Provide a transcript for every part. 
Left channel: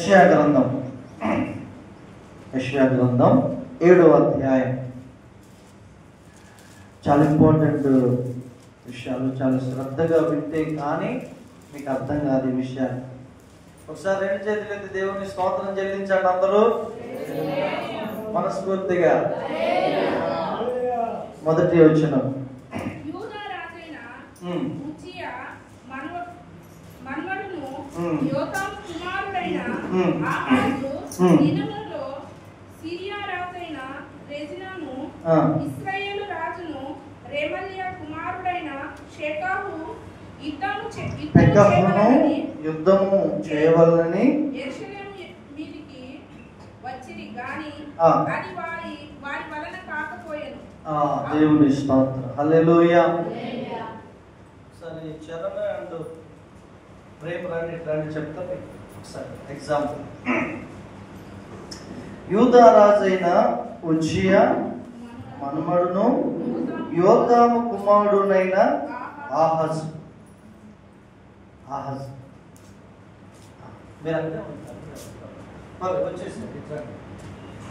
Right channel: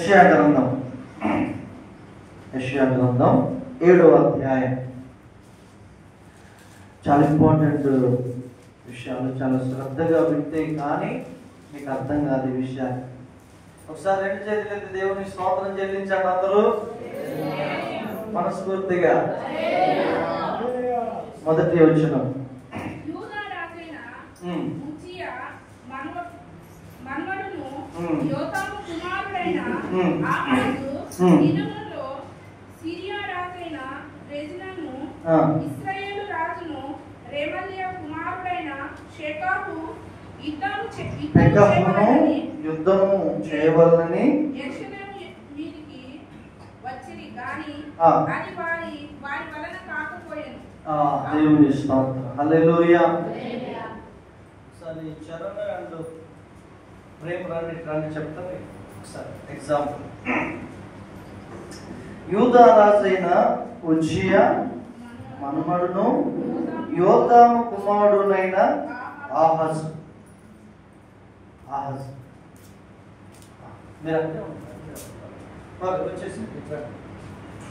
యెషయా గ్రంథం 7వ అధ్యాయం. చాలా ఇంపార్టెంట్ విషయాలు, చాలా శ్రద్ధగా వింటే కానీ మీకు అర్థం కాదు ఈ విషయాన్ని. ఒకసారి రెండు చేతులైతే దేవుని స్తోత్రం చెల్లించండి అందరూ మనస్ఫూర్తిగా. మొదటి వచనం. ఇశ్రాయేలు రాజును రెమల్యా కుమారుడైన షేకాహు యుద్ధము చేయవలనని యెరూషలేము మీదికి వచ్చిరి గాని అది వారి వలన కాకపోయెను. దేవుని స్తోత్రం. హల్లెలూయా. సరే చరణ అండ్ ప్రేమ రండి చెప్తాను ఒకసారి ఎగ్జాంపుల్. యూదా రాజైన ఉజ్జియా మనుమడును యోతాము కుమారుడైన ఆహాజు.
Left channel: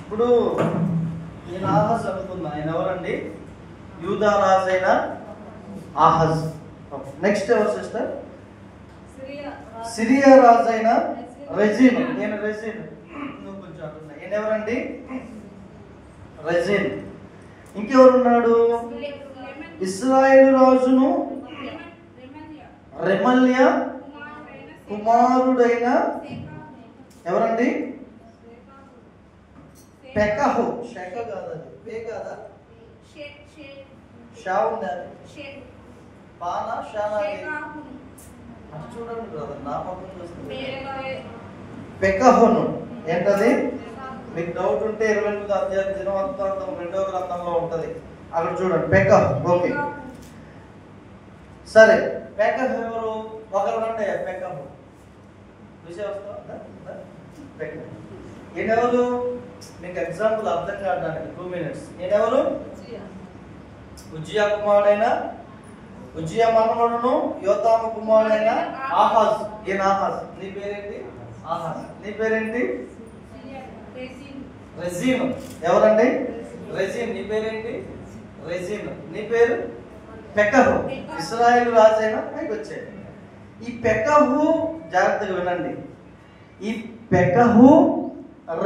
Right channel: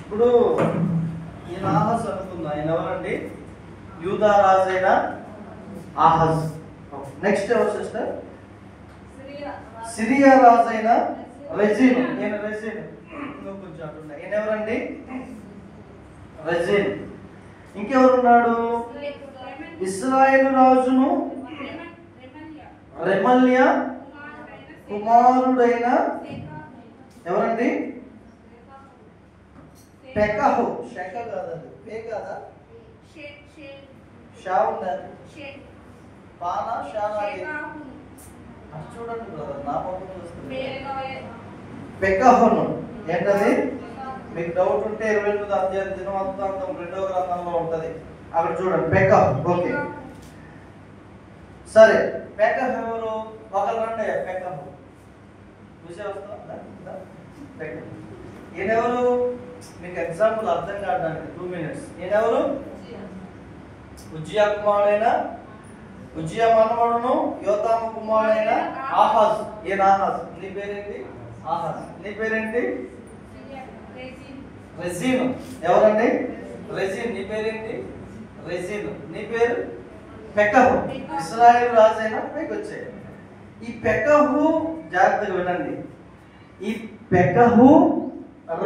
ఇప్పుడు ఈయన ఆహాజ్ అనుకున్నా. ఆయన ఎవరండి? యూదా రాజైన ఆహాజ్. నెక్స్ట్ ఎవరు సిస్టర్? సిరియా రాజైన రెజీన్. ఈయన రెజీన్. కొంచెం అటున్నా. ఈయన ఎవరండి? రెజీన్. ఇంకెవరున్నాడు? ఇశ్రాయేలు రాజును రెమల్యా కుమారుడైన ఎవరండి? పెకహు. షెక కాదండి, పే కాదా? షా ఉండాలి. పానా షానా అటు చూడండి బ్రదర్, నా పక్కన చూస్తుంది. పెకహును ఏంటది? మీకు డౌట్ ఉంటే 28వ అధ్యాయం దినవృత్తాంతం 2వ గ్రంథంలో ఉంటది, అక్కడ చూడండి. పెకహు. ఓకే సరే. పెకహు ఎవరు? ఒకరు రండి. పెకహు విషయం వస్తా. ఈయనెవరు? మీకు ఎగ్జాంపుల్ అర్థం కావడానికి 2 minutes. ఈయనెవరు? ఉజ్జియా కుమారుడైన ఉజ్జియా మనవడును యోతాము కుమారుడైన ఆహాజ్. ఈయన ఆహాజ్. నీ పేరేంటి? ఆహాజ్. నీ పేరేంటి? రెజీన్. ఎవరండి? రెజీన్. నీ పేరేంటి? రెజీన్. నీ పేరు? పెకహు. ఇశ్రాయేలు రాజైన పైకి వచ్చాయి. ఈ పెకహు జాగ్రత్తగా వినండి. ఈ పెకహు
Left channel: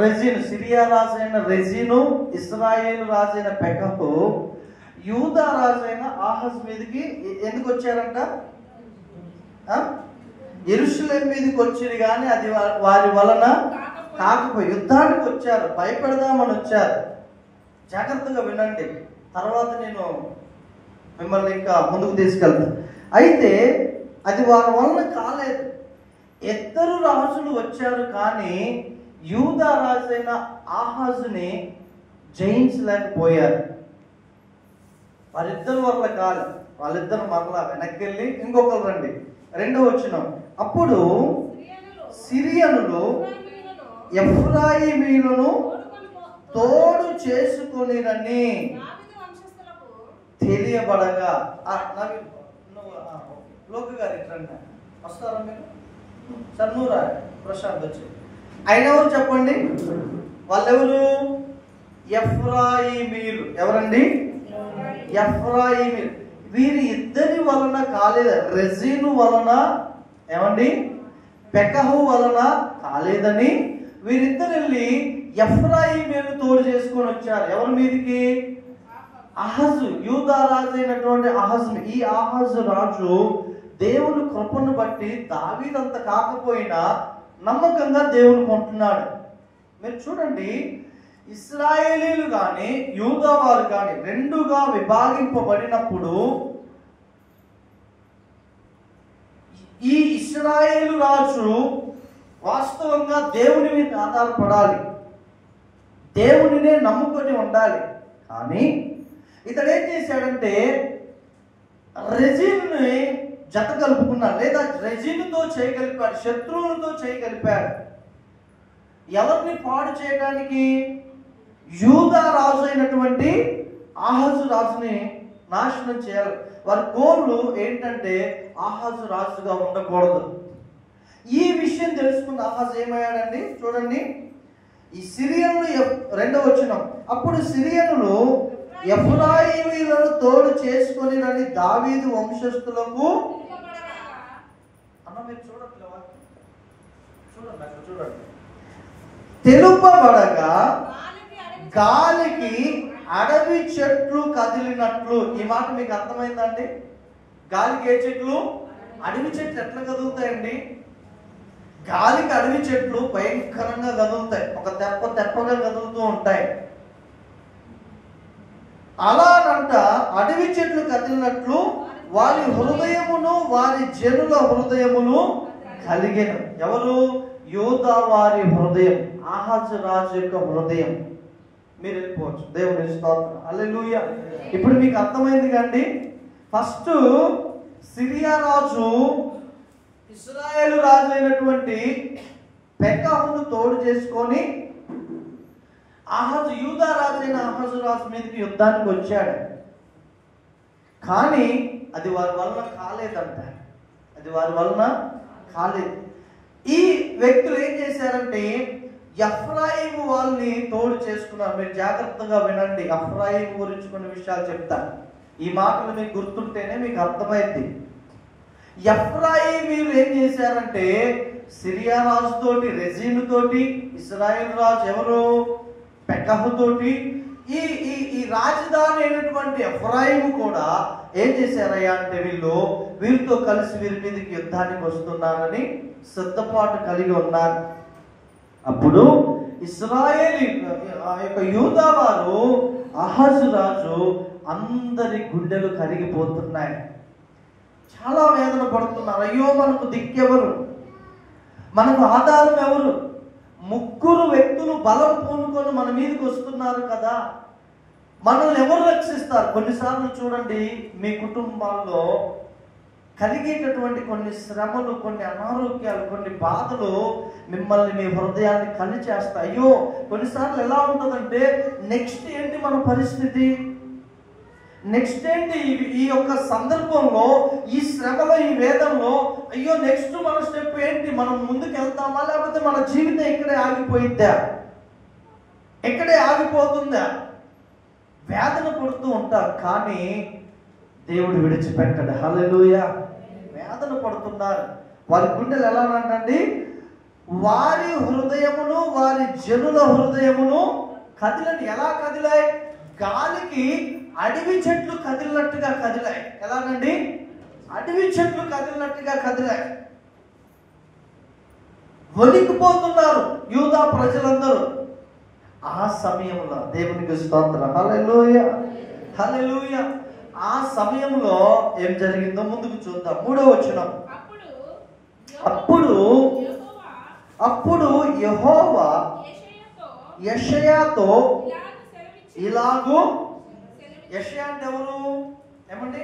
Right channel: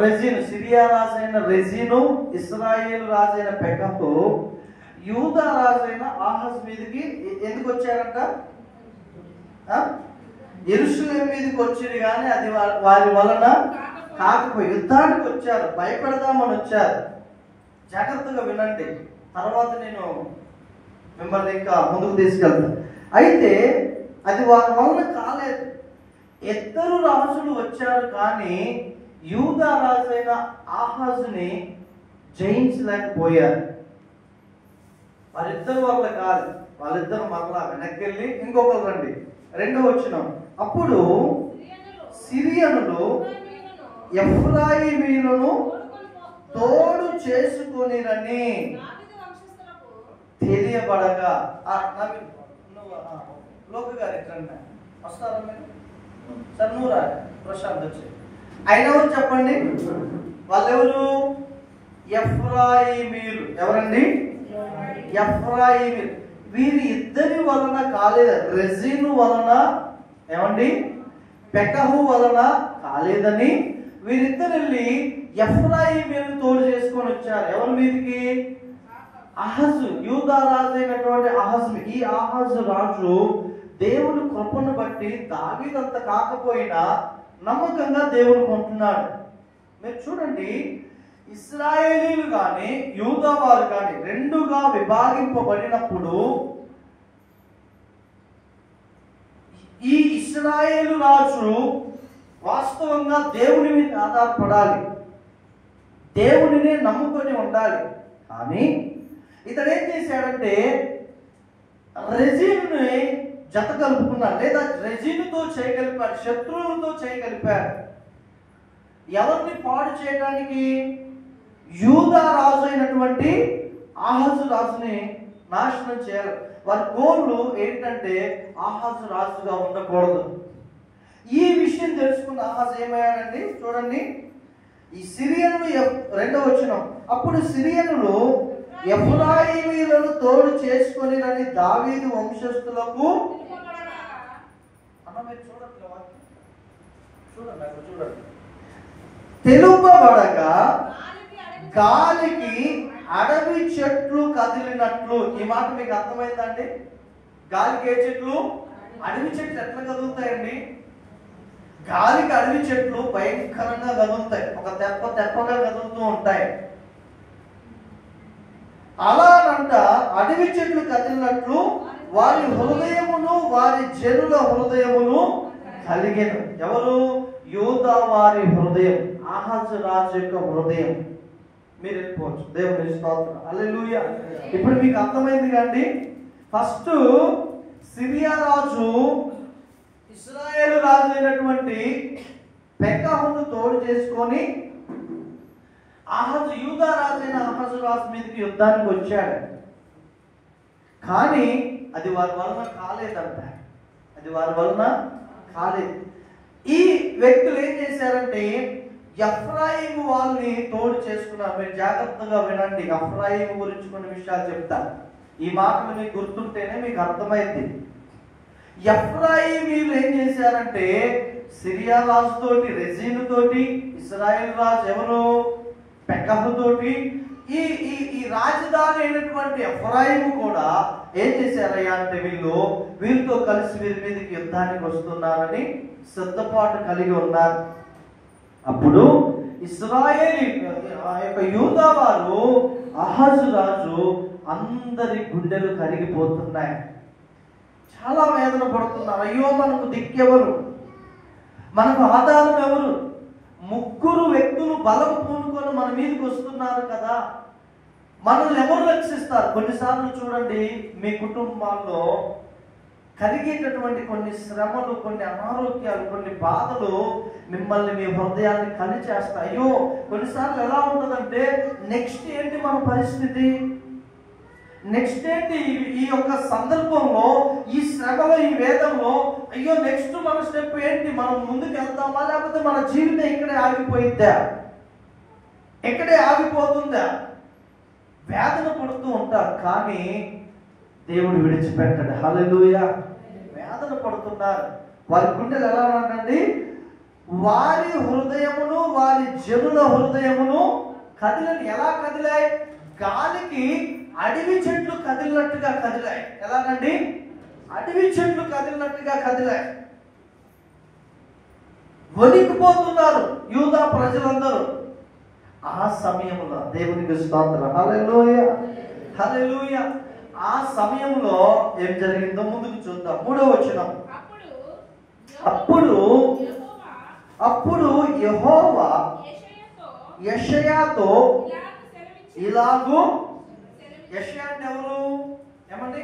రెజీన్, సిరియా రాజైన రెజీను, ఇశ్రాయేలు రాజైన పెకహు యూదా రాజైన ఆహాజ్ మీదకి ఎందుకు వచ్చారంట? యెరూషలేము మీదకి వచ్చారు కానీ అది వారి వలన కాకపోయి యుద్ధానికి వచ్చారు, భయపెడదామని వచ్చారు. జాగ్రత్తగా వినండి, తర్వాత నేను మిమ్మల్ని ఇంకా ముందుకు తీసుకెళ్తాను. అయితే అది వారి వలన కాలేదు. ఇద్దరు రాజులు వచ్చారు కానీ యూదా రాజైన ఆహాజుని జయించలేకపోయారు. వారిద్దరు వల్ల కాదు. వాళ్ళిద్దరు మరలా వెనక్కి వెళ్ళి ఇంకొకరు రండి. 2వ వచనం. అప్పుడు సిరియనులు ఎఫ్రాయిమీయులను తోడు చేసుకొనిరని తెలియబడగా. లోక గారు ఎట్లండి వస్తారా మీరు? సార్ నువ్వురా ప్రశాంత్ వచ్చి. ఆయన ఎవరు చెప్పండి? వాళ్ళెవరు? ఎఫ్రాయిమీయులు. ఎవరండి? ఎఫ్రాయిమీయులు. వీరి ఇద్దరి వలన కాలేదు. రెజీను వలన ఏమండి? పెకహు వలన కాలేదని వీరిద్దరు వెళ్ళి ఎఫ్రాయిమీయులు తోడు చేసుకొని వచ్చారు. ఎవరి మీదకి? ఆహాజు. యూదా రాజు అయినటువంటి ఆహాజు. ఈ ఆహాజు రాజు దేవుని కృపను బట్టి దావీదంత కాకపోయినా నమ్మకంగా దేవుని కొంటున్నాడు. మీరు చూడండి, ఇశ్రాయేలీలు కానీ యూదా వారు కానీ రెండుగా విభాగింపబడినప్పుడు ఈ ఇశ్రాయేలు రాజు వాస్తవంగా దేవుని మీద ఆధారపడాలి, దేవునినే నమ్ముకొని ఉండాలి. కానీ ఇతడు ఏం చేశాడంటే రెజీనుని జత కలుపుకున్నాడు, లేదా రెజీనుతో చేయగలిపాడు, శత్రువులతో చేయగలిపాడు. ఎవరిని పాడు చేయడానికి? యూదా రాజు అయినటువంటి ఆహాజు రాజుని నాశనం చేయాలి. వారి గోళ్ళు ఏంటంటే ఆహాజు రాజుగా ఉండకూడదు. ఈ విషయం తెలుసుకున్న ఆహాజు ఏమయ్యాడండి? చూడండి, ఈ సిరియనులు 2వ వచనం, అప్పుడు సిరియనులు ఎఫ్రాయిమీయులను తోడు చేసుకొని రని దావీదు వంశస్థులకు తెలుపబడగా గాలికి అడవి చెట్లు కదిలినట్లు. ఈ మాట మీకు అర్థమైందండి? గాలికి ఏ చెట్లు? అడవి చెట్లు ఎట్లా కదులుతాయండి? గాలికి అడవి చెట్లు భయంకరంగా కదులుతాయి, ఒక తెప్పగా కదులుతూ ఉంటాయి. అలానంట అడవి చెట్లు కదిలినట్లు వారి హృదయమును వారి జనుల హృదయమును కలిగిన. ఎవరు? యూదా వారి హృదయం, ఆహాజు రాజు యొక్క హృదయం. మీరు వెళ్ళిపోవచ్చు. దేవుని స్తోత్రం, హల్లెలూయా. ఇప్పుడు మీకు అర్థమైంది కండి. ఫస్ట్ సిరియా రాజు ఇశ్రాయేలు రాజు అయినటువంటి పెకహును తోడు చేసుకొని ఆహాజు, యూదా రాజు అయిన ఆహాజు రాజు మీదకి యుద్ధానికి వచ్చాడు. కానీ అది వారి వలన కాలేదంట. అది వారి వలన కాలేదు. ఈ వ్యక్తులు ఏం చేశారంటే ఎఫ్రాయిము వాళ్ళని తోడు చేసుకున్నారు. మీరు జాగ్రత్తగా వినండి, ఎఫ్రాయిము గురించి కొన్ని విషయాలు చెప్తాను. ఈ మాటలు మీకు గుర్తుంటేనే మీకు అర్థమైంది. ఎఫ్రాయిమీయులు ఏం చేశారంటే సిరియా రాజుతోటి, రెజీనుతోటి, ఇశ్రాయేల్ రాజు ఎవరు? పెకహుతోటి, ఈ ఈ ఈ రాజధాని అయినటువంటి ఎఫ్రాయిము కూడా ఏం చేశారయ్యా అంటే వీరితో కలిసి వీరి మీదకి యుద్ధానికి వస్తున్నారని సిద్ధపాటు కలిగి ఉన్నారు. అప్పుడు ఇశ్రాయేలీ ఆ యొక్క యూదా వారు, ఆహాజు రాజు అందరి గుండెలు కరిగిపోతున్నాయి, చాలా వేదన పడుతున్నారు. అయ్యో, మనకు దిక్కెవరు, మనకు ఆధారం ఎవరు? 3 వ్యక్తులు బలం పూనుకొని మన మీదకి వస్తున్నారు కదా, మనల్ని ఎవరు రక్షిస్తారు? కొన్నిసార్లు చూడండి, మీ కుటుంబాల్లో కలిగేటటువంటి కొన్ని శ్రమలు, కొన్ని అనారోగ్యాలు, కొన్ని బాధలు మిమ్మల్ని, మీ హృదయాన్ని కలిచేస్తాయి. అయ్యో, కొన్నిసార్లు ఎలా ఉంటుందంటే నెక్స్ట్ ఏంటి మన పరిస్థితి, నెక్స్ట్ ఏంటి ఈ యొక్క సందర్భంలో, ఈ శ్రమలో, ఈ వేదంలో, అయ్యో నెక్స్ట్ మన స్టెప్ ఏంటి, మనం ముందుకు వెళ్తామా లేకపోతే మన జీవితం ఇక్కడే ఆగిపోయిద్దా, ఇక్కడే ఆగిపోతుందా? వేదన పడుతూ ఉంటాం, కానీ దేవుడు విడిచిపెట్టాడు. హల్లెలూయా. వేదన పడుతున్నారు. వారి గుండెలు ఎలా అండి? వారి హృదయమును వారి జనుల హృదయమును కదిలని. ఎలా కదిలాయి? గాలికి అడవి చెట్లు కదిలినట్టుగా కదిలాయి. ఎలాగండి? అడవి చెట్లు కదిలినట్టుగా కదిలాయి. వణికిపోతున్నారు యూదా ప్రజలందరూ. ఆ సమయంలో దేవునికి స్తోత్రం, హల్లెలూయా, హల్లెలూయా. ఆ సమయంలో ఏం జరిగిందో ముందుకు చూద్దాం. 3వ వచనం, అప్పుడు యెహోవా యెషయాతో ఇలాగూ, యెషయా అంటే ఎవరు? ఏమండి?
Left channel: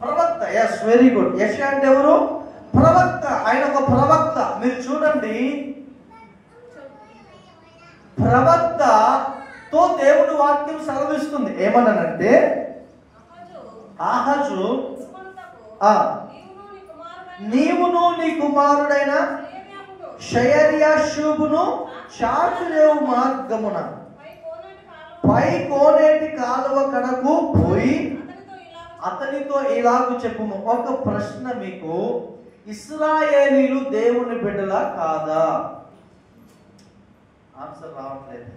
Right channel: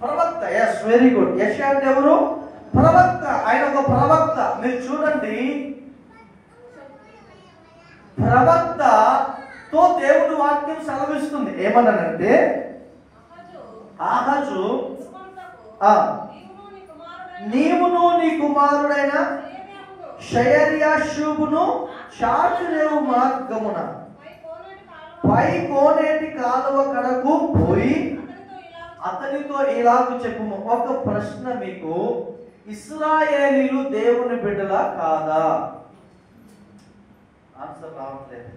ప్రవక్త. Yes, very good. యెషయా అంటే ఎవరు? ప్రవక్త. ఆయన ఒక ప్రవక్త. మీరు చూడండి, ప్రవక్తతో దేవుడు వాక్యం సెలవిస్తుంది. ఏమన్నానంటే, ఆహాజు, నీవును నీ కుమారుడైన షయర్యాషూబును చాటురేవు మార్గమున పై కోనేటి కాలువ కడకు పోయి అతనితో ఇలాగు చెప్పుము. ఒక ప్రశ్న మీకు, ఇశ్రాయేలీలు దేవుని బిడ్డలా కాదా? ఆన్సర్ రావట్లేదు.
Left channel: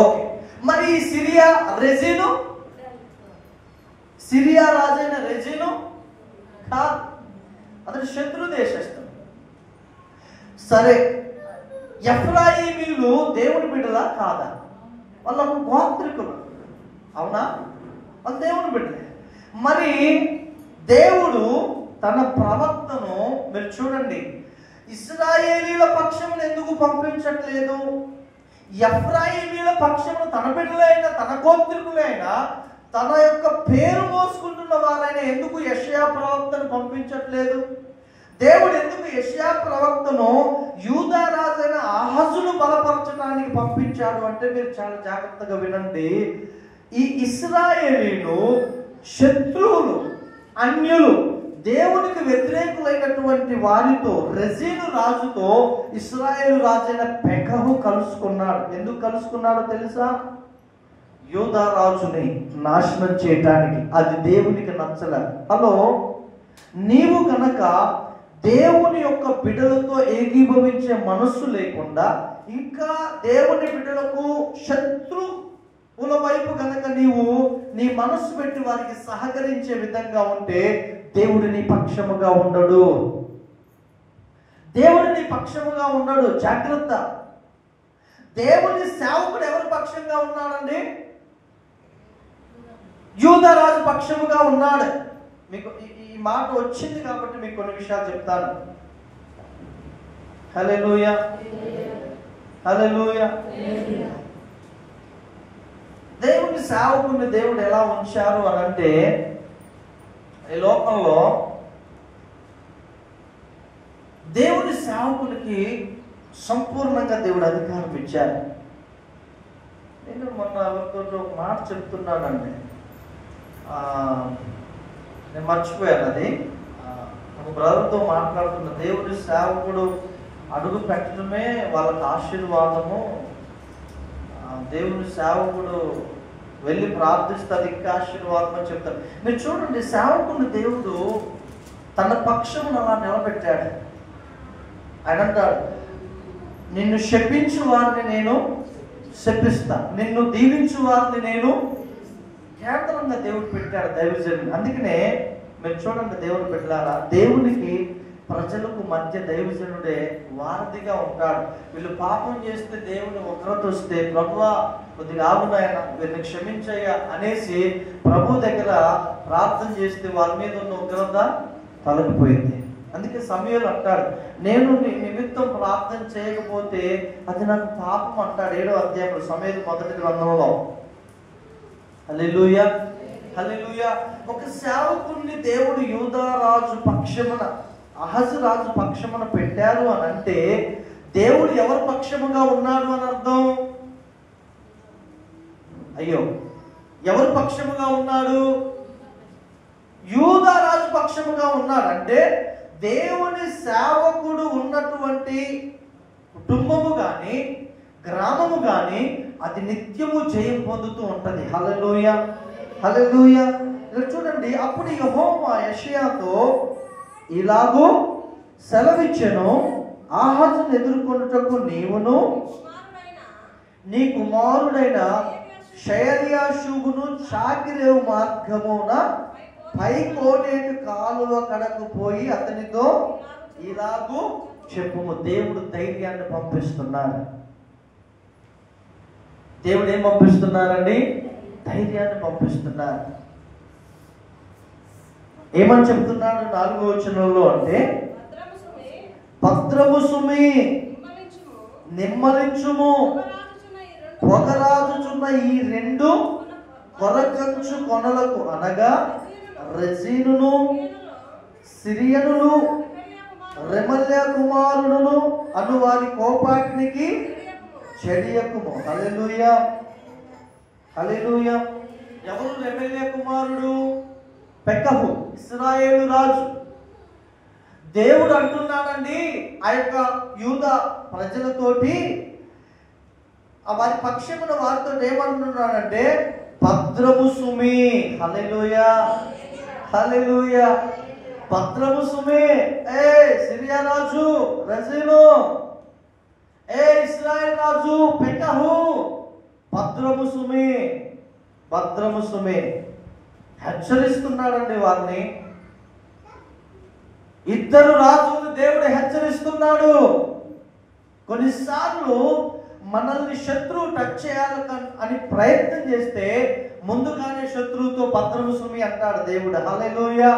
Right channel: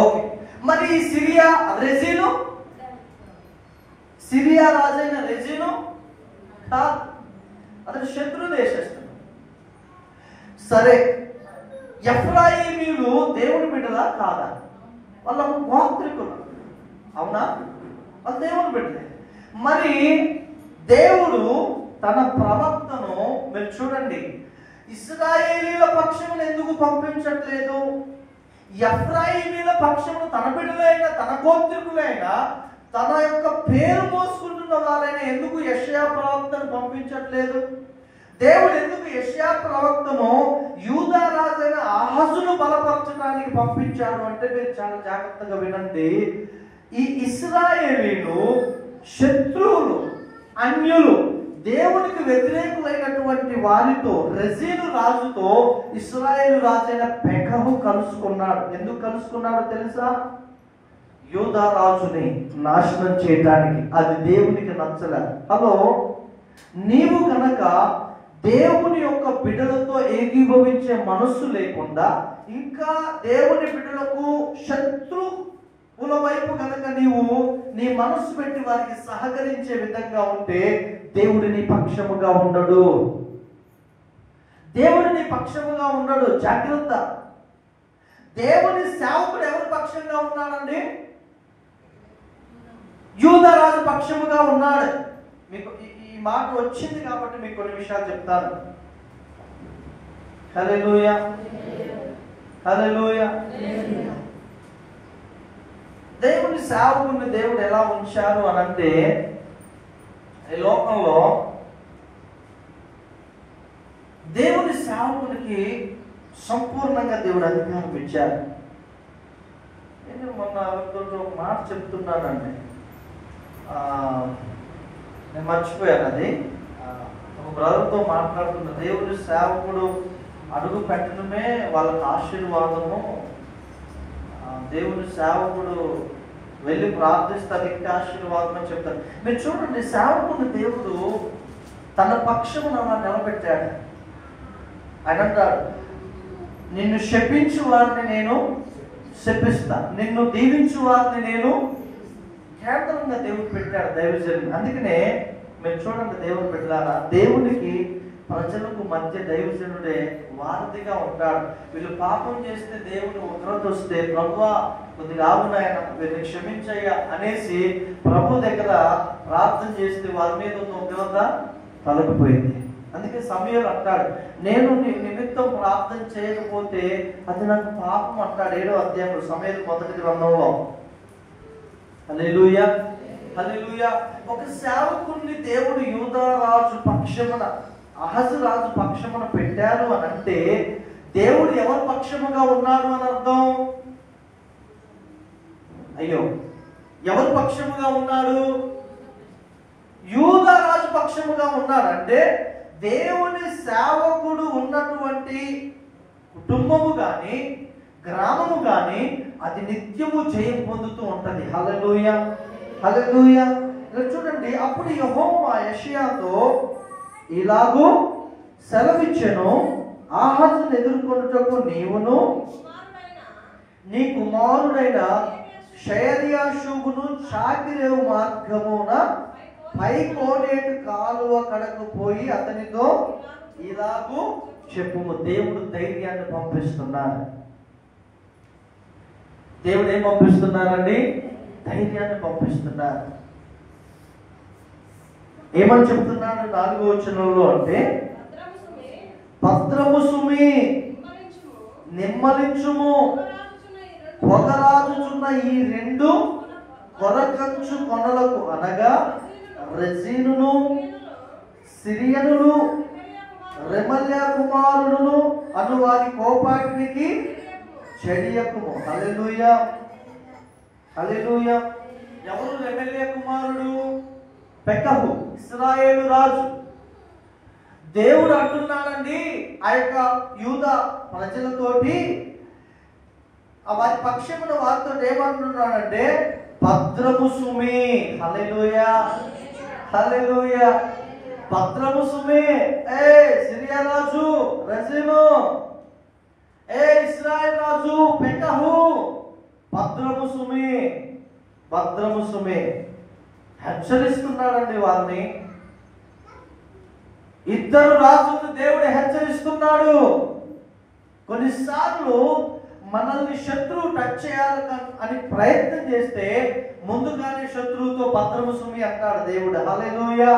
ఓకే, మరి ఈ రెజీను, సిరియా రాజైన రెజీను కాదు, అతను శత్రు దేశస్థుడు. సరే, ఎఫ్రాయిమీయులు దేవుని బిడ్డలా కాదా? వాళ్ళ గోత్రికులు, అవునా? వాళ్ళు దేవుని బిడ్డలే. మరి దేవుడు తన ప్రవక్తను, మీరు చూడండి, ఇశ్రాయేలీల పక్షమును ఎందుకు పంపించట్లేదు? ఎఫ్రాయిమీయుల పక్షమును తన బిడ్డలైన, తన గోత్రికులైన, తన యొక్క పేరు మోసుకుంటున్న వారైన ఎందుకు యెషయా ప్రవక్తను పంపించట్లేదు? దేవుడు ఎందుకు యెషయా ప్రవక్తను యూదా రాజైన ఆహాజును బలపరచడానికి పంపించాడు అంటే, మీరు చాలా జాగ్రత్తగా వినండి. ఈ ఇశ్రాయేలీలు శత్రువులు, అన్యులు, దేవునికి వ్యతిరేకులైనటువంటి వారితో, రెజీను రాజుతో ఇశ్రాయేలు రాజైన పెకహు కలుసుకున్నాడు. ఎందుకు కలుసుకున్నాడో తెలుసా? యూదా రాజుని నాశనం చేయటానికి. అది దేవునికి నచ్చల. హలో, నీవు కనుక దేవుని యొక్క బిడ్డలతో ఏకీభవించే మనస్సు లేకుండా ఇంకా దేవుని బిడ్డలకు శత్రువుల వైపు కనుక నీవు నీ మనస్సు పెట్టి వారికి సహకరించే విధంగా ఉంటే దేవుడు నీ పక్షముగా ఉండడు. దేవుడు నీ పక్షముగా ఉండడు. జాగ్రత్త. దేవుని సేవకుడు ఎవరి పక్షంగా ఉన్నాడండి? యూదారాజు పక్షముగా ఉన్నాడు. మీకు ఈ మాట వచ్చింది కాబట్టి మీకు కొన్ని విషయాలు చెప్తాను. హల్లెలూయా, హల్లెలూయా. దేవుని సేవకుడిని దేవుడు ఎలా ఉంచారు అని అంటే, ఈ లోకంలో దేవుని సేవకునికి సంపూర్ణంగా దేవుడు అధికారం ఇచ్చారు. నేను మొన్న ఒక మాట చెప్తున్నానండి, నేను మర్చిపోయాను. అది ఒక బ్రదర్తో మాట్లాడుతున్న, దేవుని సేవకుడు అడుగు పెట్టడమే వాళ్ళకి ఆశీర్వాదము, దేవుని సేవకుడు వెళ్ళి ప్రార్థిస్తారు ఇంకా ఆశీర్వాదం అని చెప్తారు. మీరు చూడండి, సేవకుని దేవుడు తన పక్షమును అలా నిలబెట్టాడు. ఆయన అంటాడు, నిన్ను శపించు వారిని నేను శపిస్తా, నిన్ను దీవించు వారిని నేను కేంద్రంగా దేవుడు పెట్టాడు దైవజనుని. అందుకనే మీరు చూడండి, దేవుడు పెట్టారా, దేవునికి ప్రజలకు మధ్య దైవజనుడే వారధిగా ఉంటాడు. వీళ్ళు పాపం చేస్తే దేవుని ఉగ్రత వస్తే, ప్రభువా కొద్దిగా ఆగునాయన వీరిని క్షమించయ్యా అనేసి ప్రభు దగ్గర ప్రార్థన చేస్తే వారి మీద ఉన్న ఉగ్రత తొలగిపోయింది. అందుకే సమయంలో అంటాడు, నేను నీ నిమిత్తం ప్రార్థన చేయకపోతే అది నాకు పాపం అంటాడు. 7వ అధ్యాయంలో సమయం 1వ గ్రంథంలో. హల్లెలూయా, హల్లెలూయా. ఒక సేవకుడిని దేవుడు యూదారాజు పక్షమున, అహజు రాజు పక్షమున పెట్టారు అని అంటే దేవుడు ఎవరి పక్షముగా ఉన్నాడు అని అర్థం. అయ్యో, ఎవరి పక్షముగా ఉన్నాడు? యూదారాజు పక్షముగా ఉన్నాడు. అంటే దేవుని సేవకుడు ఉన్నటువంటి కుటుంబము గాని గ్రామము గాని అది నిత్యము జయం పొందుతూ ఉంటది. హల్లెలూయా, హల్లెలూయా. చూడండి, అప్పుడు యెహోవా యెషయాతో ఇలాగూ సెలవిచ్చెను, ఆహాజును ఎదుర్కొనుటకు నీవును నీ కుమారుడైన షయర్యాషూబును చాకిరేవు మార్గమున పై కోనేటి కాలువ కడకు పోయి అతనితో ఇలాగూ చెప్పుము. దేవుడు ధైర్యాన్ని పంపిస్తున్నారు. దేవుడు ఏం పంపిస్తున్నారండి? ధైర్యాన్ని పంపిస్తున్నారు. ఏమని చెప్తున్నాడు 4వ వచనంలో అంటే, భద్రము సుమి, నిమ్మలించుము, పొగరాజుచున్న ఈ 2 కొరకంచు కొనలకు, అనగా రెజీనును సిరియనులు రెమల్యా కుమారుడును అను వారి కోపాగ్నికి చెడియకుము. హల్లెలూయా, హల్లెలూయా. ఎవరు రెమల్యా కుమారుడు? పెకహు, ఇశ్రాయేలు రాజు. దేవుడు అంటున్నాడండి ఆ యొక్క యూదా ప్రజలతోటి, వారి పక్షమున వారితో ఏమంటున్నాడంటే, భద్రము సుమి. హల్లెలూయా, హల్లెలూయా. భద్రము సుమి. ఏ సిరియా రాజు రెజీను, ఏ ఇశ్రాయేలు రాజు పెకహు, భద్రము సుమి, భద్రము సుమి. హెచ్చరిస్తున్నాడండి వారిని. 2 రాజులను దేవుడు హెచ్చరిస్తున్నాడు. కొన్నిసార్లు మనల్ని శత్రువు టచ్ చేయాలి అని ప్రయత్నం చేస్తే ముందుగానే శత్రువుతో భద్రము సుమి అంటాడు దేవుడు. హల్లెలూయా,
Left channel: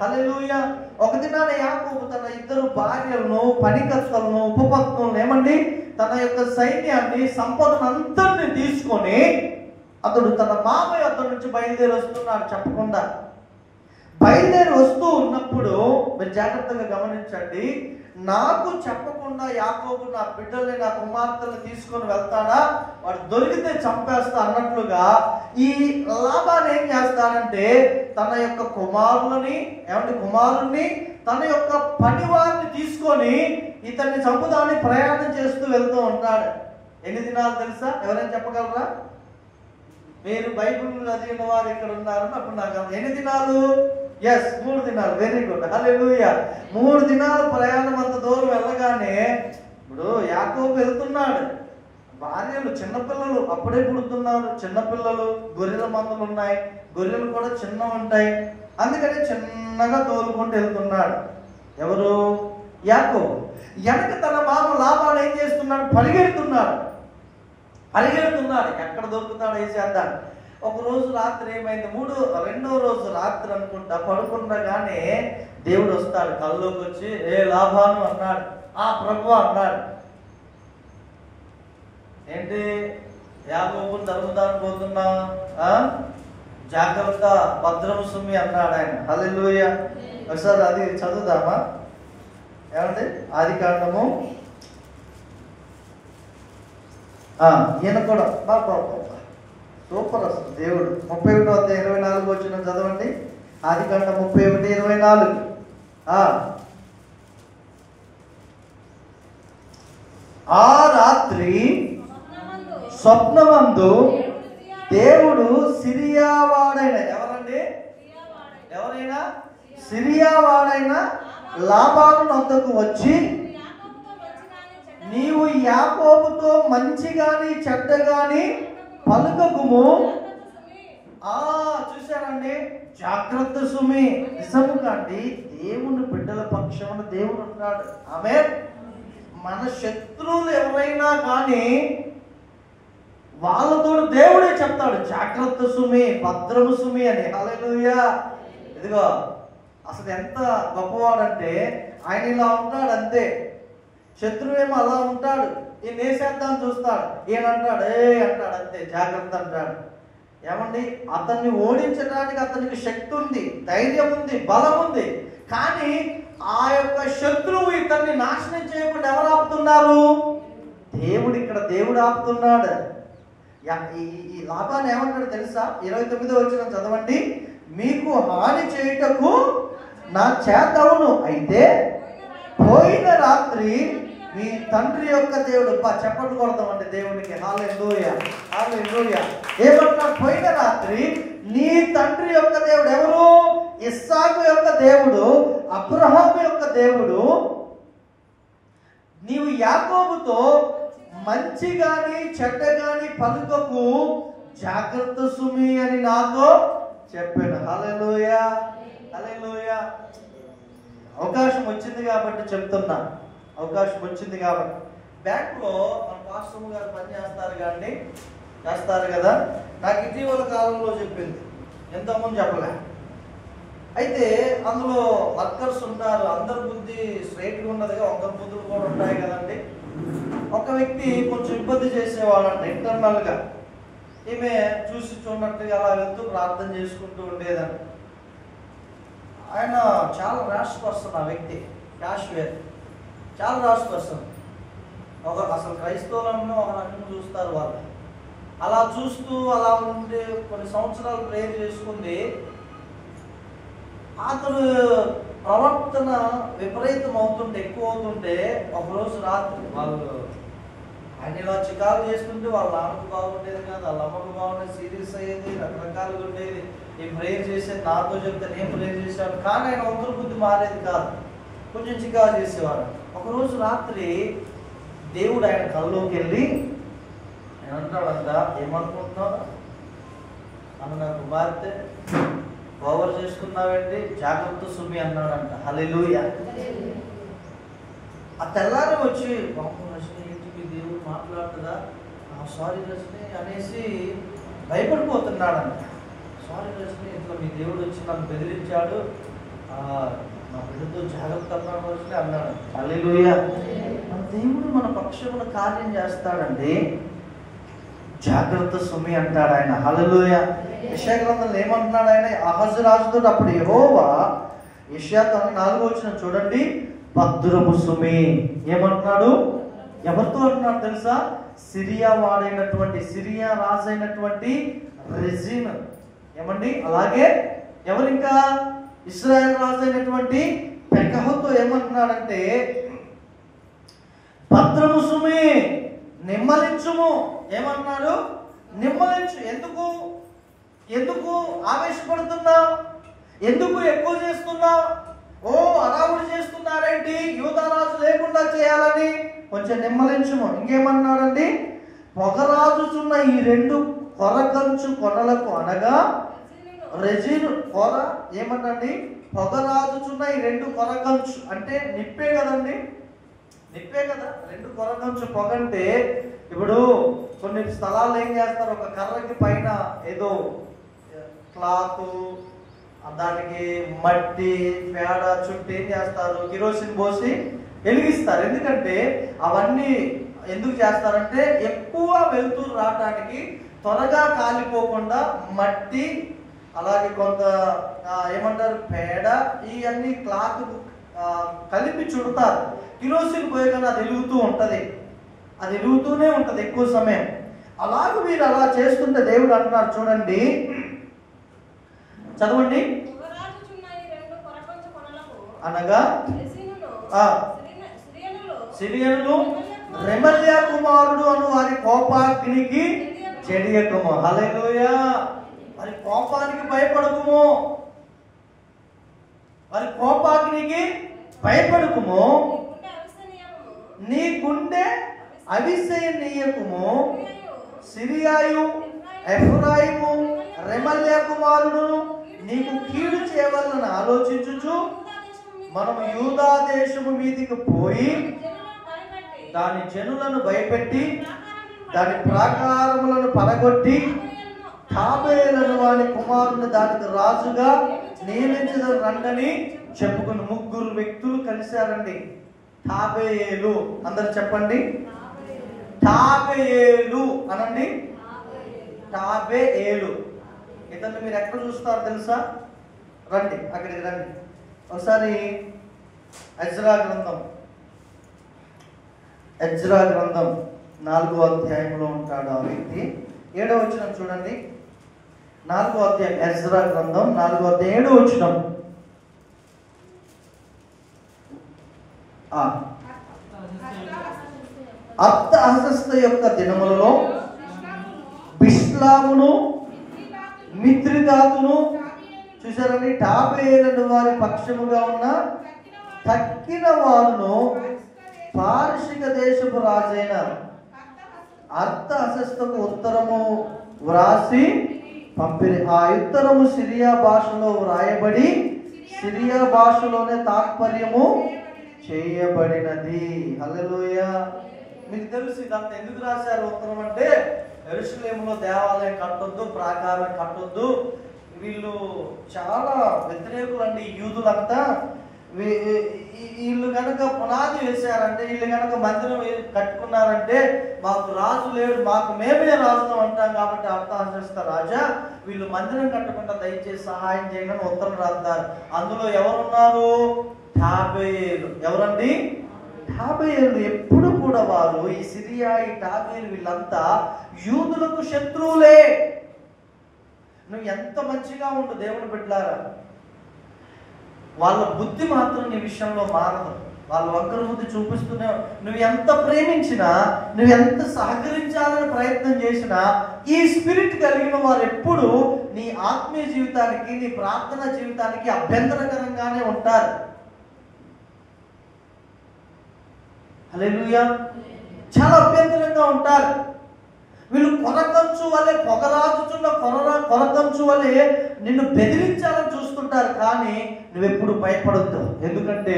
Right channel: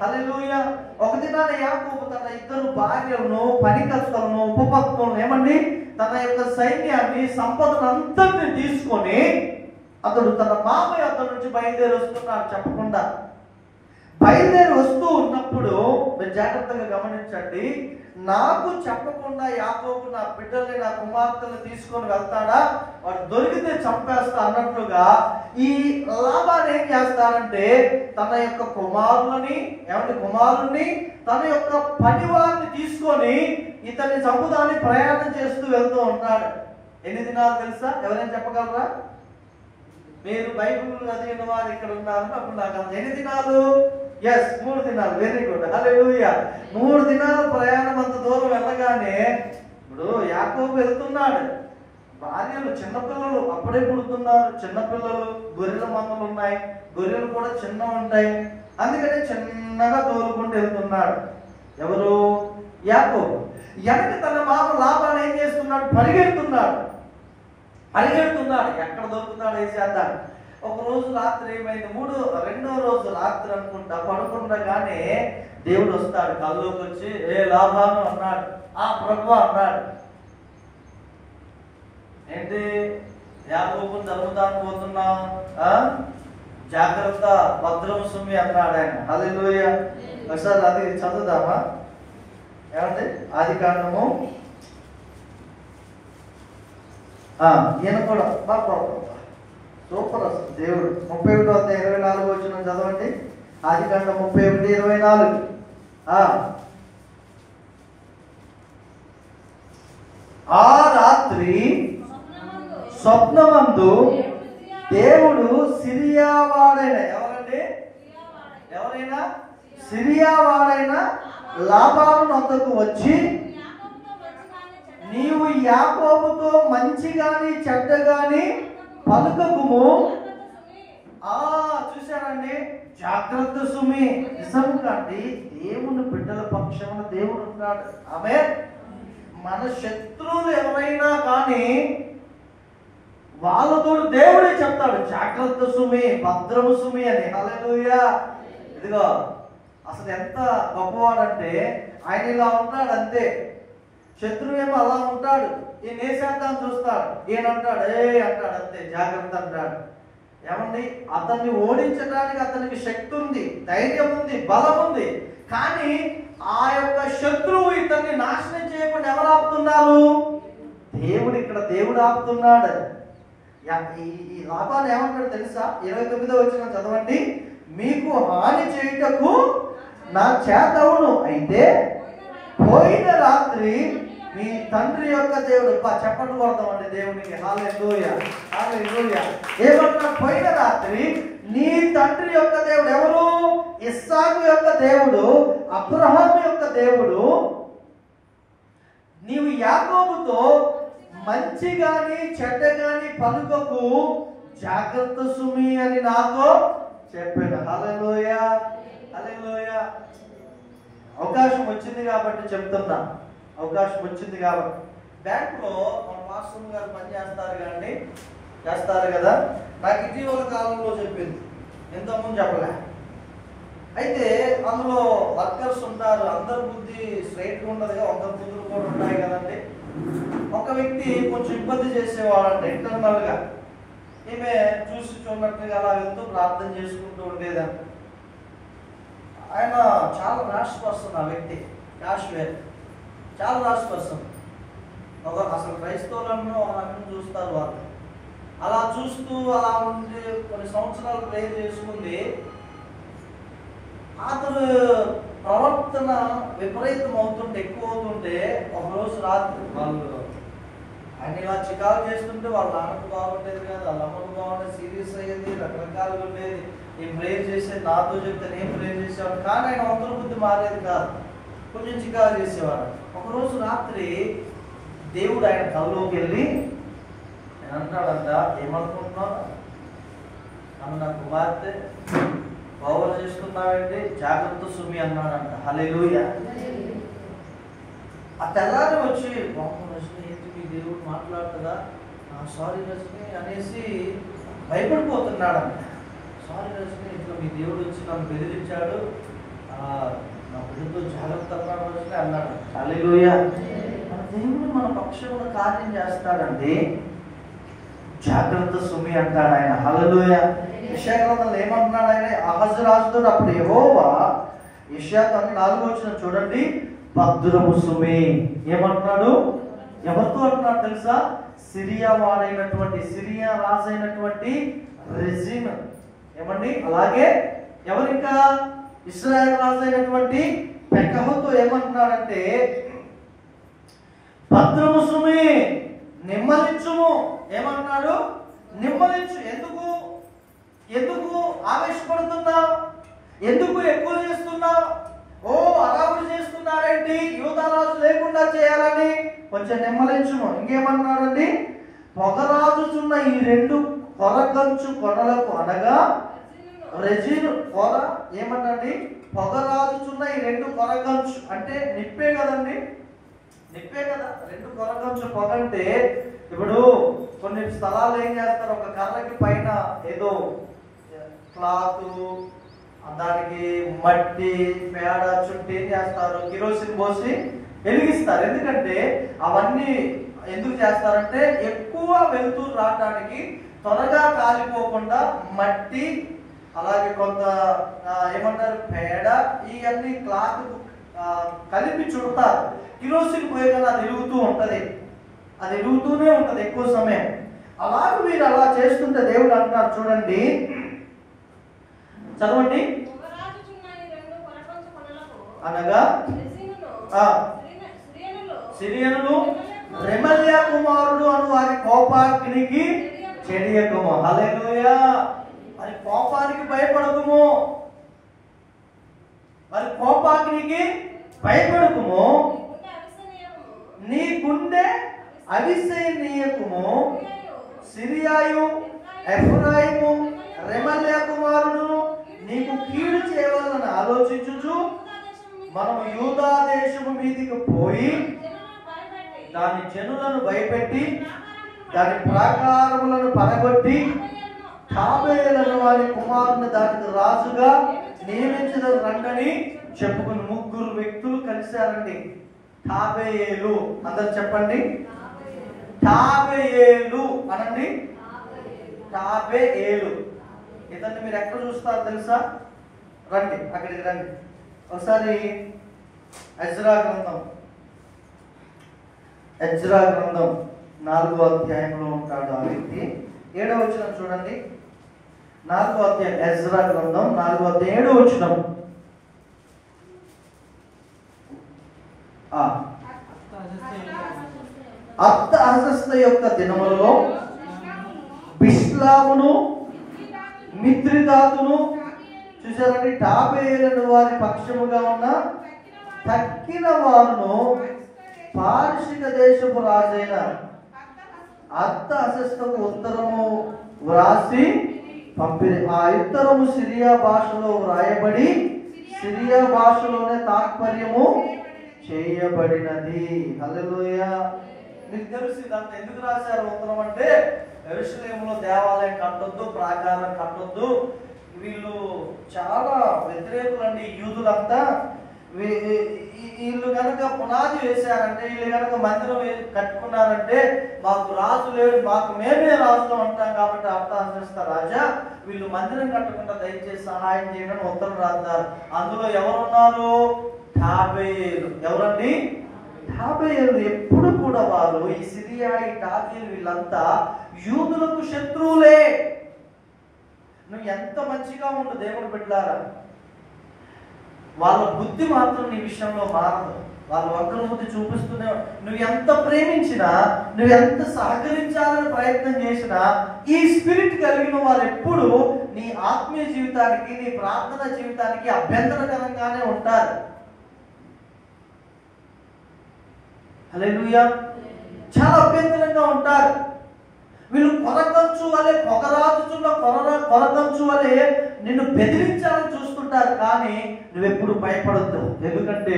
హల్లెలూయా. ఒక దినాన యాకోబు తన 2 భార్యలను, పనికర్తలను, ఉపపత్నులను ఏమండి తన యొక్క సైన్యాన్ని, సంపదను అంతటిని తీసుకొని అతడు తన మామయ్య అతడి నుంచి బయలుదేరి వస్తున్నాడు చెప్పకుండా. బయలుదేరి వస్తూ ఉన్నప్పుడు మీరు జాగ్రత్తగా గమనించండి, నాకు చెప్పకుండా యాకోబు నా బిడ్డల్ని నా కుమార్తెని తీసుకొని వెళ్తాడా, వాడు దొరికితే చంపేస్తా అన్నట్లుగా ఈ లాభాన్ని ఏం చేస్తారంటే తన యొక్క కుమారుని తన యొక్క పనివారిని తీసుకొని ఇతన్ని చంపుదాన్ని ప్రయాణం చేస్తూ వెళ్తూ ఉంటాడు. ఎన్ని దినాలు తెలుసా? ఎవరైనా చెప్పగలరా? మీరు బైబిల్ చదివిన వారు ఇక్కడ ఉన్నారు, అప్పుడు నాకు ఎన్ని దినాలు? 3 దినాలు. వెరీ గుడ్, హల్లెలూయా. 3 దినాలు ప్రయాణం అంత దూరం వెళ్ళగానే ఇప్పుడు యాకోబు వెళ్తున్నాడు. భార్యలు చిన్నపిల్లలు అప్పుడే పుడుతున్నారు, చిన్నపిల్లలు, గొర్రెల మందలు ఉన్నాయి, గొర్రెలు కూడా చిన్నవి ఉంటాయి. అందుకని చిన్నగా తోలుకుంటూ వెళ్తున్నాడు. ఎవరు? యాకోబు. వెనక తన బాబు లాభాలు ఏం చేస్తున్నాడు? పరిగెడుతున్నాడు. ఎక్కడ దొరుకుతాడు వేసేద్దాం. ఒక రోజు రాత్రి ఏమైంది, రెండో రోజు రాత్రి అనుకుంటా పడుకుండగానే దేవుడు వస్తాడు, కల్లోకి వచ్చి ఏ లాభాను అన్నాడు. ఆ ప్రభు అన్నాడు. ఏంటి? యాకోబును తరుముదాన్ని పోతున్నా, జాగ్రత్త, భద్రము సుమి అన్నాడు ఆయన. హల్లెలూయా. ఒకసారి అది చదువుదామా? ఏమంటే ఆదికాండము, ఈయన కూడా సూపర్ అసలు దేవుడు. 31:24 చదవండి. ఆదికాండం 31:24. ఆ రాత్రి స్వప్నమందు దేవుడు సిరియావాడైన ఎవరైనా సిరియావాడైన లాబాను వద్దకు వచ్చి, నీవు యాకోబుతో మంచి గాని చెడ్డ గాని పలుకకుము. చూశానండి, జాగ్రత్త సుమి. నిజము కాండి, దేవుని బిడ్డల పక్షాన దేవుడు ఉన్నాడు. ఆమేన్. మన శత్రువులు ఎవరైనా కానీ వాళ్ళతో దేవుడే చెప్తాడు జాగ్రత్త సుమి, భద్రము సుమి అని. హల్లెలూయా. ఇదిగో అసలు ఎంత గొప్పవాడంటే ఆయన ఇలా ఉంటాడు అంతే. శత్రువేమో అలా ఉంటాడు, ఈయన వేసేద్దాం చూస్తాడు, ఈయన అంటాడు అంటాడు అంతే, జాగ్రత్త అంటాడు. ఏమండి, అతన్ని ఓడించడానికి అతనికి శక్తి ఉంది, ధైర్యం ఉంది, బలం ఉంది. కానీ ఆ యొక్క శత్రువు ఇతన్ని నాశనం చేయకుండా ఎవరు ఆపుతున్నారు? దేవుడు ఆపుతున్నాడు. ఈ లాభాన్ని ఏమంటాడు తెలుసా? 29వ వచనం చదవండి. మీకు హాని చేయుటకు నా చేతవును, అయితే పోయిన రాత్రి మీ తండ్రి యొక్క దేవుడు, చెప్పండి కొడతామండి దేవునికి. హల్లెలూయా, హల్లెలూయా. ఏమన్నా? పోయిన రాత్రి నీ తండ్రి యొక్క దేవుడు. ఎవరు? ఇస్సాకు యొక్క దేవుడు, అబ్రహాము యొక్క దేవుడు, నీవు యాకోబుతో మంచి గాని చెడ్డ గాని పలుకకు, జాగ్రత్త సుమి అని నాతో చెప్పాడు. హల్లెలూయా, హల్లెలూయా. అవకాశం వచ్చింది కాబట్టి చెప్తున్నా, అవకాశం వచ్చింది కాబట్టి. బ్యాంకులో మన పాస్టర్ గారు పని చేస్తారు కదా. నాకు ఇటీవల కాలంలో చెప్పింది, ఎంతమంది చెప్పలే. అయితే అందులో వర్కర్స్ ఉంటారు, అందరి బుద్ధి స్ట్రైట్గా ఉండదుగా, ఒక బుద్ధులు కూడా ఉంటాయి కదండి. ఒక వ్యక్తి కొంచెం ఇబ్బంది చేసేవాళ్ళంట ఇంటర్నల్గా. ఈమె చూసి చూడనట్టుగా అలా వెళ్తూ ప్రార్థన చేసుకుంటూ ఉండేదంట. ఆయన చాలా ర్యాష్ పర్సన్. ఆ వ్యక్తి కాశ్మీర్ చాలా ర్యాష్ పర్సన్. అసలు క్రైస్తవులను ఒక రకంగా చూస్తారు వాళ్ళు. అలా చూస్తూ అలా ఉండి కొన్ని సంవత్సరాలు ప్రేయర్ చేసుకుంది. అతడు ప్రవర్తన విపరీతం అవుతుంటే, ఎక్కువ అవుతుంటే, ఒకరోజు రాత్రి వాళ్ళు ఆయన ఇలా చికాకు చేస్తుంటే వాళ్ళ నాన్నకు బాగుండేది కాదు, వాళ్ళ అమ్మకు బాగుండేది, సీరియస్ అయ్యేది, రకరకాలుగా ఉండేది. నేను ప్రేయర్ చేసేది, నాతో చెప్తే నేను ప్రేయర్ చేసేవాడు. కానీ ఆయన ఒకరి బుద్ధి మారేది కాదు, కొంచెం చికాకు చేసేవాడు. ఒకరోజు రాత్రి దేవుడు ఆయన కల్లోకి వెళ్ళి ఆయన అంటాడంట, ఏమనుకుంటున్నావు? ఆమె నా కుమార్తె ఓవర్ చేసుకున్నావంటే జాగ్రత్త సుమి అన్నాడంట. హల్లెలూయా. ఆ తెల్లారి వచ్చి, బాబు రజని ఏంటికి దేవుడు మాట్లాడుతుందా? సారీ రజని అనేసి భయపడిపోతున్నాడంట. సారీ రజని, ఇట్లా మీ దేవుడు వచ్చి నన్ను బెదిరించాడు, నా బిడ్డతో జాగ్రత్త రజని అన్నాడు. హల్లెలూయా. మన దేవుడు మన పక్షంలో కార్యం చేస్తాడండి. జాగ్రత్త సుమి అంటాడు ఆయన. హల్లెలూయా. యెషయా గ్రంథంలో ఏమంటున్నాడు ఆయన? అహజు రాజుతో అప్పుడు యెహోవా యెషయా 4 చూడండి, భద్రము సుమి ఏమంటున్నాడు? ఎవరితో అంటున్నాడు తెలుసా? సిరియా వాడైనటువంటి, సిరియా రాజు అయినటువంటి రెజిన్ ఏమండి. అలాగే ఎవరు ఇంకా? ఇశ్రాయేల్ రాజు అయినటువంటి పెకహుతో ఏమంటున్నాడంటే భద్రము సుమి, నిమ్మలించుము. ఏమంటున్నాడు? నిమ్మలించు. ఎందుకు ఆవేశపడుతున్నావు? ఎందుకు ఎక్కువ చేస్తున్నావు? ఓ అరావుడు చేస్తున్నారేంటి? యూదారాజు లేకుండా చేయాలని కొంచెం నిమ్మలించుము. ఇంకేమన్నాడండి? పొగరాజుచున్న ఈ 2 కొరకంచు కొనలకు, అనగా రెజిన్ కొర ఏమన్నండి? పొగరాజుచున్న ఈ 2 కొరకంచు అంటే నిప్పే కదండి, నిప్పే కదా. 2 కొరకంచు పొగ అంటే ఇప్పుడు కొన్ని స్థలాలు ఏం చేస్తారు? ఒక కర్రకి పైన ఏదో క్లాత్, దానికి మట్టి పేడ చుట్టూ ఏం చేస్తారు? కిరోసిన్ పోసి వెలిగిస్తారు. ఎందుకంటే అవన్నీ ఎందుకు చేస్తారంటే ఎక్కువ వెలుతురు రావడానికి, త్వరగా కాలిపోకుండా మట్టి, అలాగే కొంత ఏమంటారు పేడ, ఇవన్నీ క్లాత్ కలిపి చుడతారు. కిరోసిన్ పోయగానే అది వెలుగుతూ ఉంటది, అది వెలుగుతూనే ఉంటది ఎక్కువ సమయం. అలాగే వీరు అలా చేస్తుంటే దేవుడు అంటున్నారు చూడండి, చదవండి. అనగా సిరియనులు రెమల్యా కుమారుడు అను వారి కోపాగ్నికి చెడియకుము. హల్లెలూయా. వారి కోపానికి భయపడకుము, వారి కోపాగ్నికి భయపడకుము, నీ గుండె అవిశయనీయకుము. సిరియాయు ఎఫ్రాయిము రెమల్యా కుమారుడు నీకు కీడు చేయవాలని ఆలోచించుచు మనము యూదా దేశము మీదికి పోయి దాని జనులను భయపెట్టి దాని ప్రాకారములను పడగొట్టి తాబేలను వారి కుమారుని దానికి రాజుగా నియమించదు రండని చెప్పుకుని 3 వ్యక్తులు కలిశారండి. తాబేలు, అందరు చెప్పండి. తాబేలు అనండి. తాబేలు ఇతన్ని మీరు ఎక్కడ చూస్తారు తెలుసా? రండి, అక్కడికి రండి ఒకసారి. ఎజ్రా గ్రంథం 4వ అధ్యాయంలో ఉంటాడు ఆ వ్యక్తి. 7వ వచనం చూడండి. 4వ అధ్యాయం, ఎజ్రా గ్రంథం 4వ అధ్యాయం 7వ వచనం. అర్తహషస్త యొక్క దినములలో బిష్లామును మిత్రిదాతును చూసారండి. టాబేలను వారి పక్షముగా ఉన్న తక్కిన వారును పారసిక దేశపు రాజైన అర్తహషస్తకు ఉత్తరము వ్రాసి పంపిణీ. ఆ ఉత్తరము సిరియా భాషలో వ్రాయబడి సిరియా భాషలోనే తాత్పర్యము చేయబడినది. హల్లెలూయా. మీకు తెలుసు ఇదంతా ఎందుకు రాశారు ఉత్తరం అంటే, యెరూషలేములో దేవాలయం కట్టొద్దు, ప్రాకారం కట్టొద్దు, వీళ్ళు చాలా వ్యతిరేకులండి యూదులంతా. వీళ్ళు కనుక పునాది వేశారంటే, వీళ్ళు కనుక మందిరం కట్టుకున్నారంటే మాకు రాజు లేడు, మాకు మేమే రాజుతాం అంటాం. కాబట్టి అర్తహషస్త రాజా వీళ్ళు మందిరం కట్టకుండా దయచేసి సహాయం చేయమని ఉత్తరం రాస్తారు. అందులో ఎవరున్నారు? తాబేలు. ఎవరండి? తాబేలు. ఎప్పుడు కూడా వారు ఈ సిరియా, ఈ తాబేలు వీళ్ళంతా యూదులకు శత్రువులే. నువ్వు ఎంత మంచిగా ఉండు దేవుని బిడ్డలారా, వాళ్ళ బుద్ధి మాత్రం నీ విషయంలో మారదు. వాళ్ళ ఒక్కరి బుద్ధి చూపిస్తూనే, నువ్వు ఎంత ప్రేమించినా, నువ్వు ఎంత సహకరించాలని ప్రయత్నం చేసినా, ఈ స్పిరిట్ కలిగిన వారు ఎప్పుడు నీ ఆత్మీయ జీవితానికి, నీ ప్రార్థన జీవితానికి అభ్యంతరకరంగానే ఉంటారు. హల్లెలూయా. చాలా అభ్యంతరంగా ఉంటారు. వీళ్ళు కొరకంచు వల్లే, పొగరాజుచున్న కొరకంచు వల్లే నిన్ను బెదిరించాలని చూస్తుంటారు. కానీ నువ్వెప్పుడు భయపడొద్దు, ఎందుకంటే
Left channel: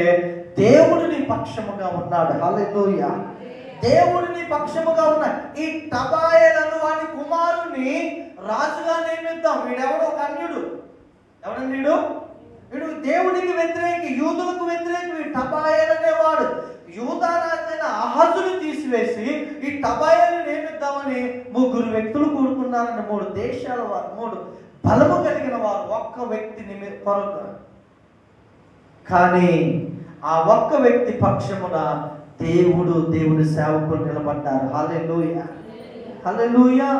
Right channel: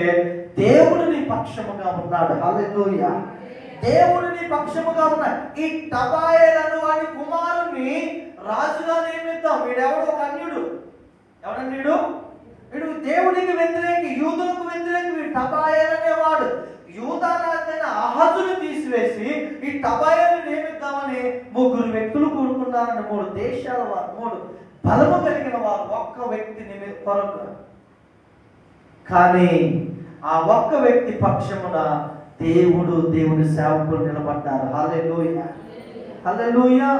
దేవుడు నీ పక్షముగా ఉన్నాడు. హల్లెలూయా. దేవుడు నీ పక్షముగా ఉన్నాడు. ఈ టబాయేలను వాడి కుమారుణ్ణి రాజుగా నియమిద్దాం. వీడెవడో ఒక అన్యుడు. ఎవడండి వీడు? వీడు దేవుడికి వ్యతిరేకి, యూదులకు వ్యతిరేకి. వీడు టబాయేలు అనేవాడు యూదా రాజైన అహజుని తీసి తీసివేసి ఈ టబాయాన్ని నియమిద్దామని 3 వ్యక్తులు కూడుకున్నారని 3 దేశాల వారు, 3 బలము కలిగిన వారు ఒక్క వ్యక్తి కొరకు. కానీ ఆ ఒక్క వ్యక్తి పక్షమున దేవుడి సేవకులు నిలబడ్డారు. హల్లెలూయా, హల్లెలూయా.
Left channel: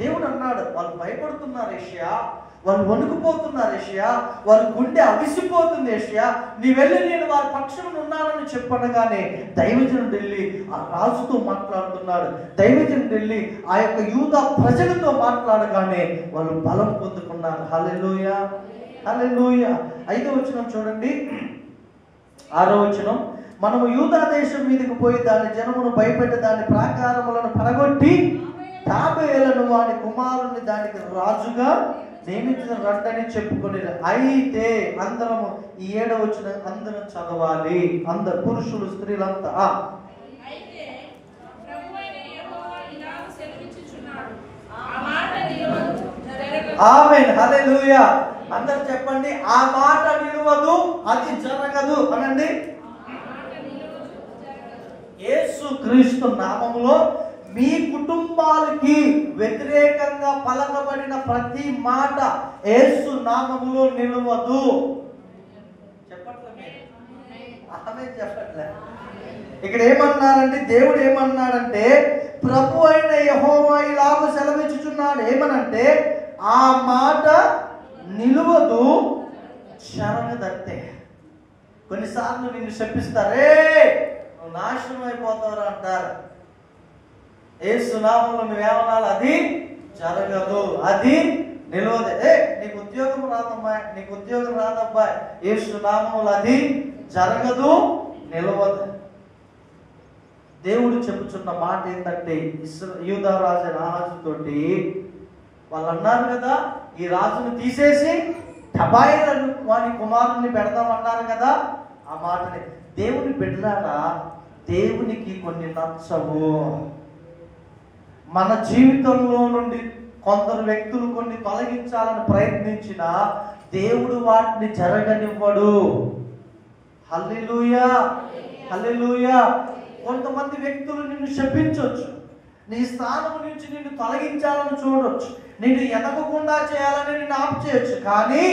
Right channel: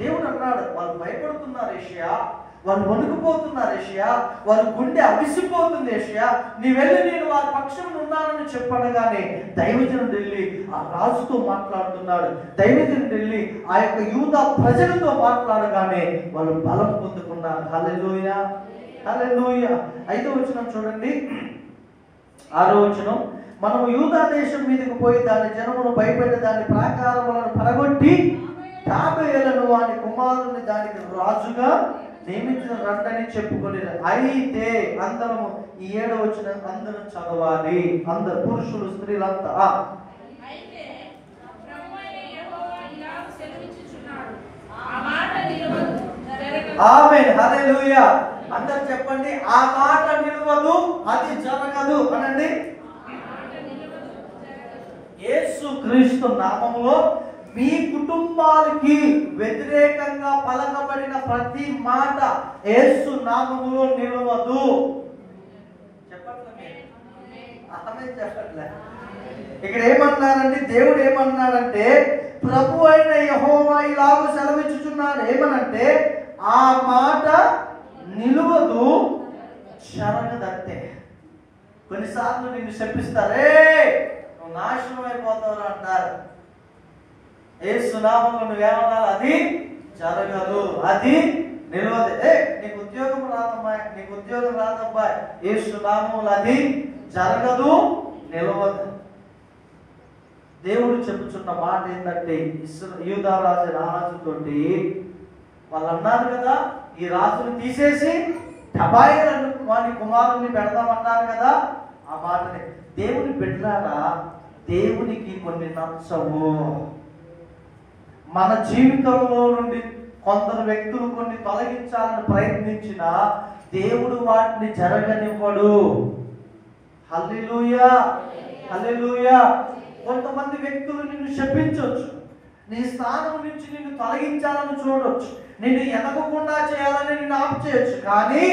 దేవుడు అన్నాడు, వాళ్ళు భయపడుతున్నారు ఏషియా, వాళ్ళు వణుకుపోతున్నారు ఏషియా, వారి గుండె అవిసిపోతుంది ఏషియా, నీ వెళ్ళి నేను వారి పక్షమున ఉన్నానని చెప్పనగానే దైవజనుడు వెళ్ళి ఆ రాజుతో మాట్లాడుతున్నాడు. దైవజనుడు వెళ్ళి ఆ యొక్క యూదా ప్రజలతో మాట్లాడగానే వాళ్ళు బలం పొందుకున్నారు. హల్లెలూయా, హల్లెలూయా. 5వ వచనం చూడండి, 6వ వచనం. మనము యూదా దేశం మీదకి పోయి దాని జనమును భయపెట్టి దాని ప్రాకారములను పడగొట్టి 50 ఏళ్లను వాని కుమారుని దానికి రాజుగా నియమించిన రండని చెప్పుకొని. అయితే అందరము ఈ 7వ వచనం అందరం చదవాలి, అందరు పురుషులు స్త్రీలంతా. ఆమేన్, హల్లెలూయా. అందరూ చెప్పండి, ఆ మాట నిలవదు, అది జరగదు అనండి. యేసు క్రీస్తు నామములో మీ కుటుంబాలకి వ్యతిరేకంగా పలకబడిన ప్రతి మాట యేసు నామములో నిలవదు. చెప్పట్లే. ఇక్కడ ఏమన్నారంటే, దేవుడు ఏమన్నాడంటే, ప్రభు అయిన యెహోవా ఇలాగ సెలవిచ్చుచున్నాడు. ఏమనంటే, ఆ మాట నిలవదు, శరణదంటే. కొన్నిసార్లు నిన్ను శపిస్తారే, నువ్వు నాశనం అయిపోతావు అంటారు. యేసు నామములో నువ్వేమనాలి, అది జరగదు, అది నిలవదు. నీకు ఉద్యోగం రాదమ్మా, నీకు ఉద్యోగం రాదబ్బా, యేసు నామములో అది జరగదు, నిలవదు. దేవుడు చెప్పుచున్న మాట ఏంటంటే, యూదా రాజు ఆహాజుతోటి వాళ్ళు అన్నారు కదా, ఈ రాజును తీసేసి టబాయిలను వాని కుమారుని పెడదామన్నారు కదా. ఆ మాటని దేవుని బిడ్డలారా, దేవునికి కొన్ని నచ్చవు. మన జీవితంలో నుండి కొందరు వ్యక్తులు కొన్ని తొలగించాలని ప్రయత్నించినా దేవుడు వాటిని జరగనివ్వడు. హల్లెలూయా, హల్లెలూయా. కొంతమంది వ్యక్తులు నిన్ను శపించవచ్చు, నీ స్థానం నుంచి నిన్ను తొలగించాలని చూడొచ్చు, నిన్ను ఎదగకుండా చేయాలని నిన్ను ఆపు చేయొచ్చు. కానీ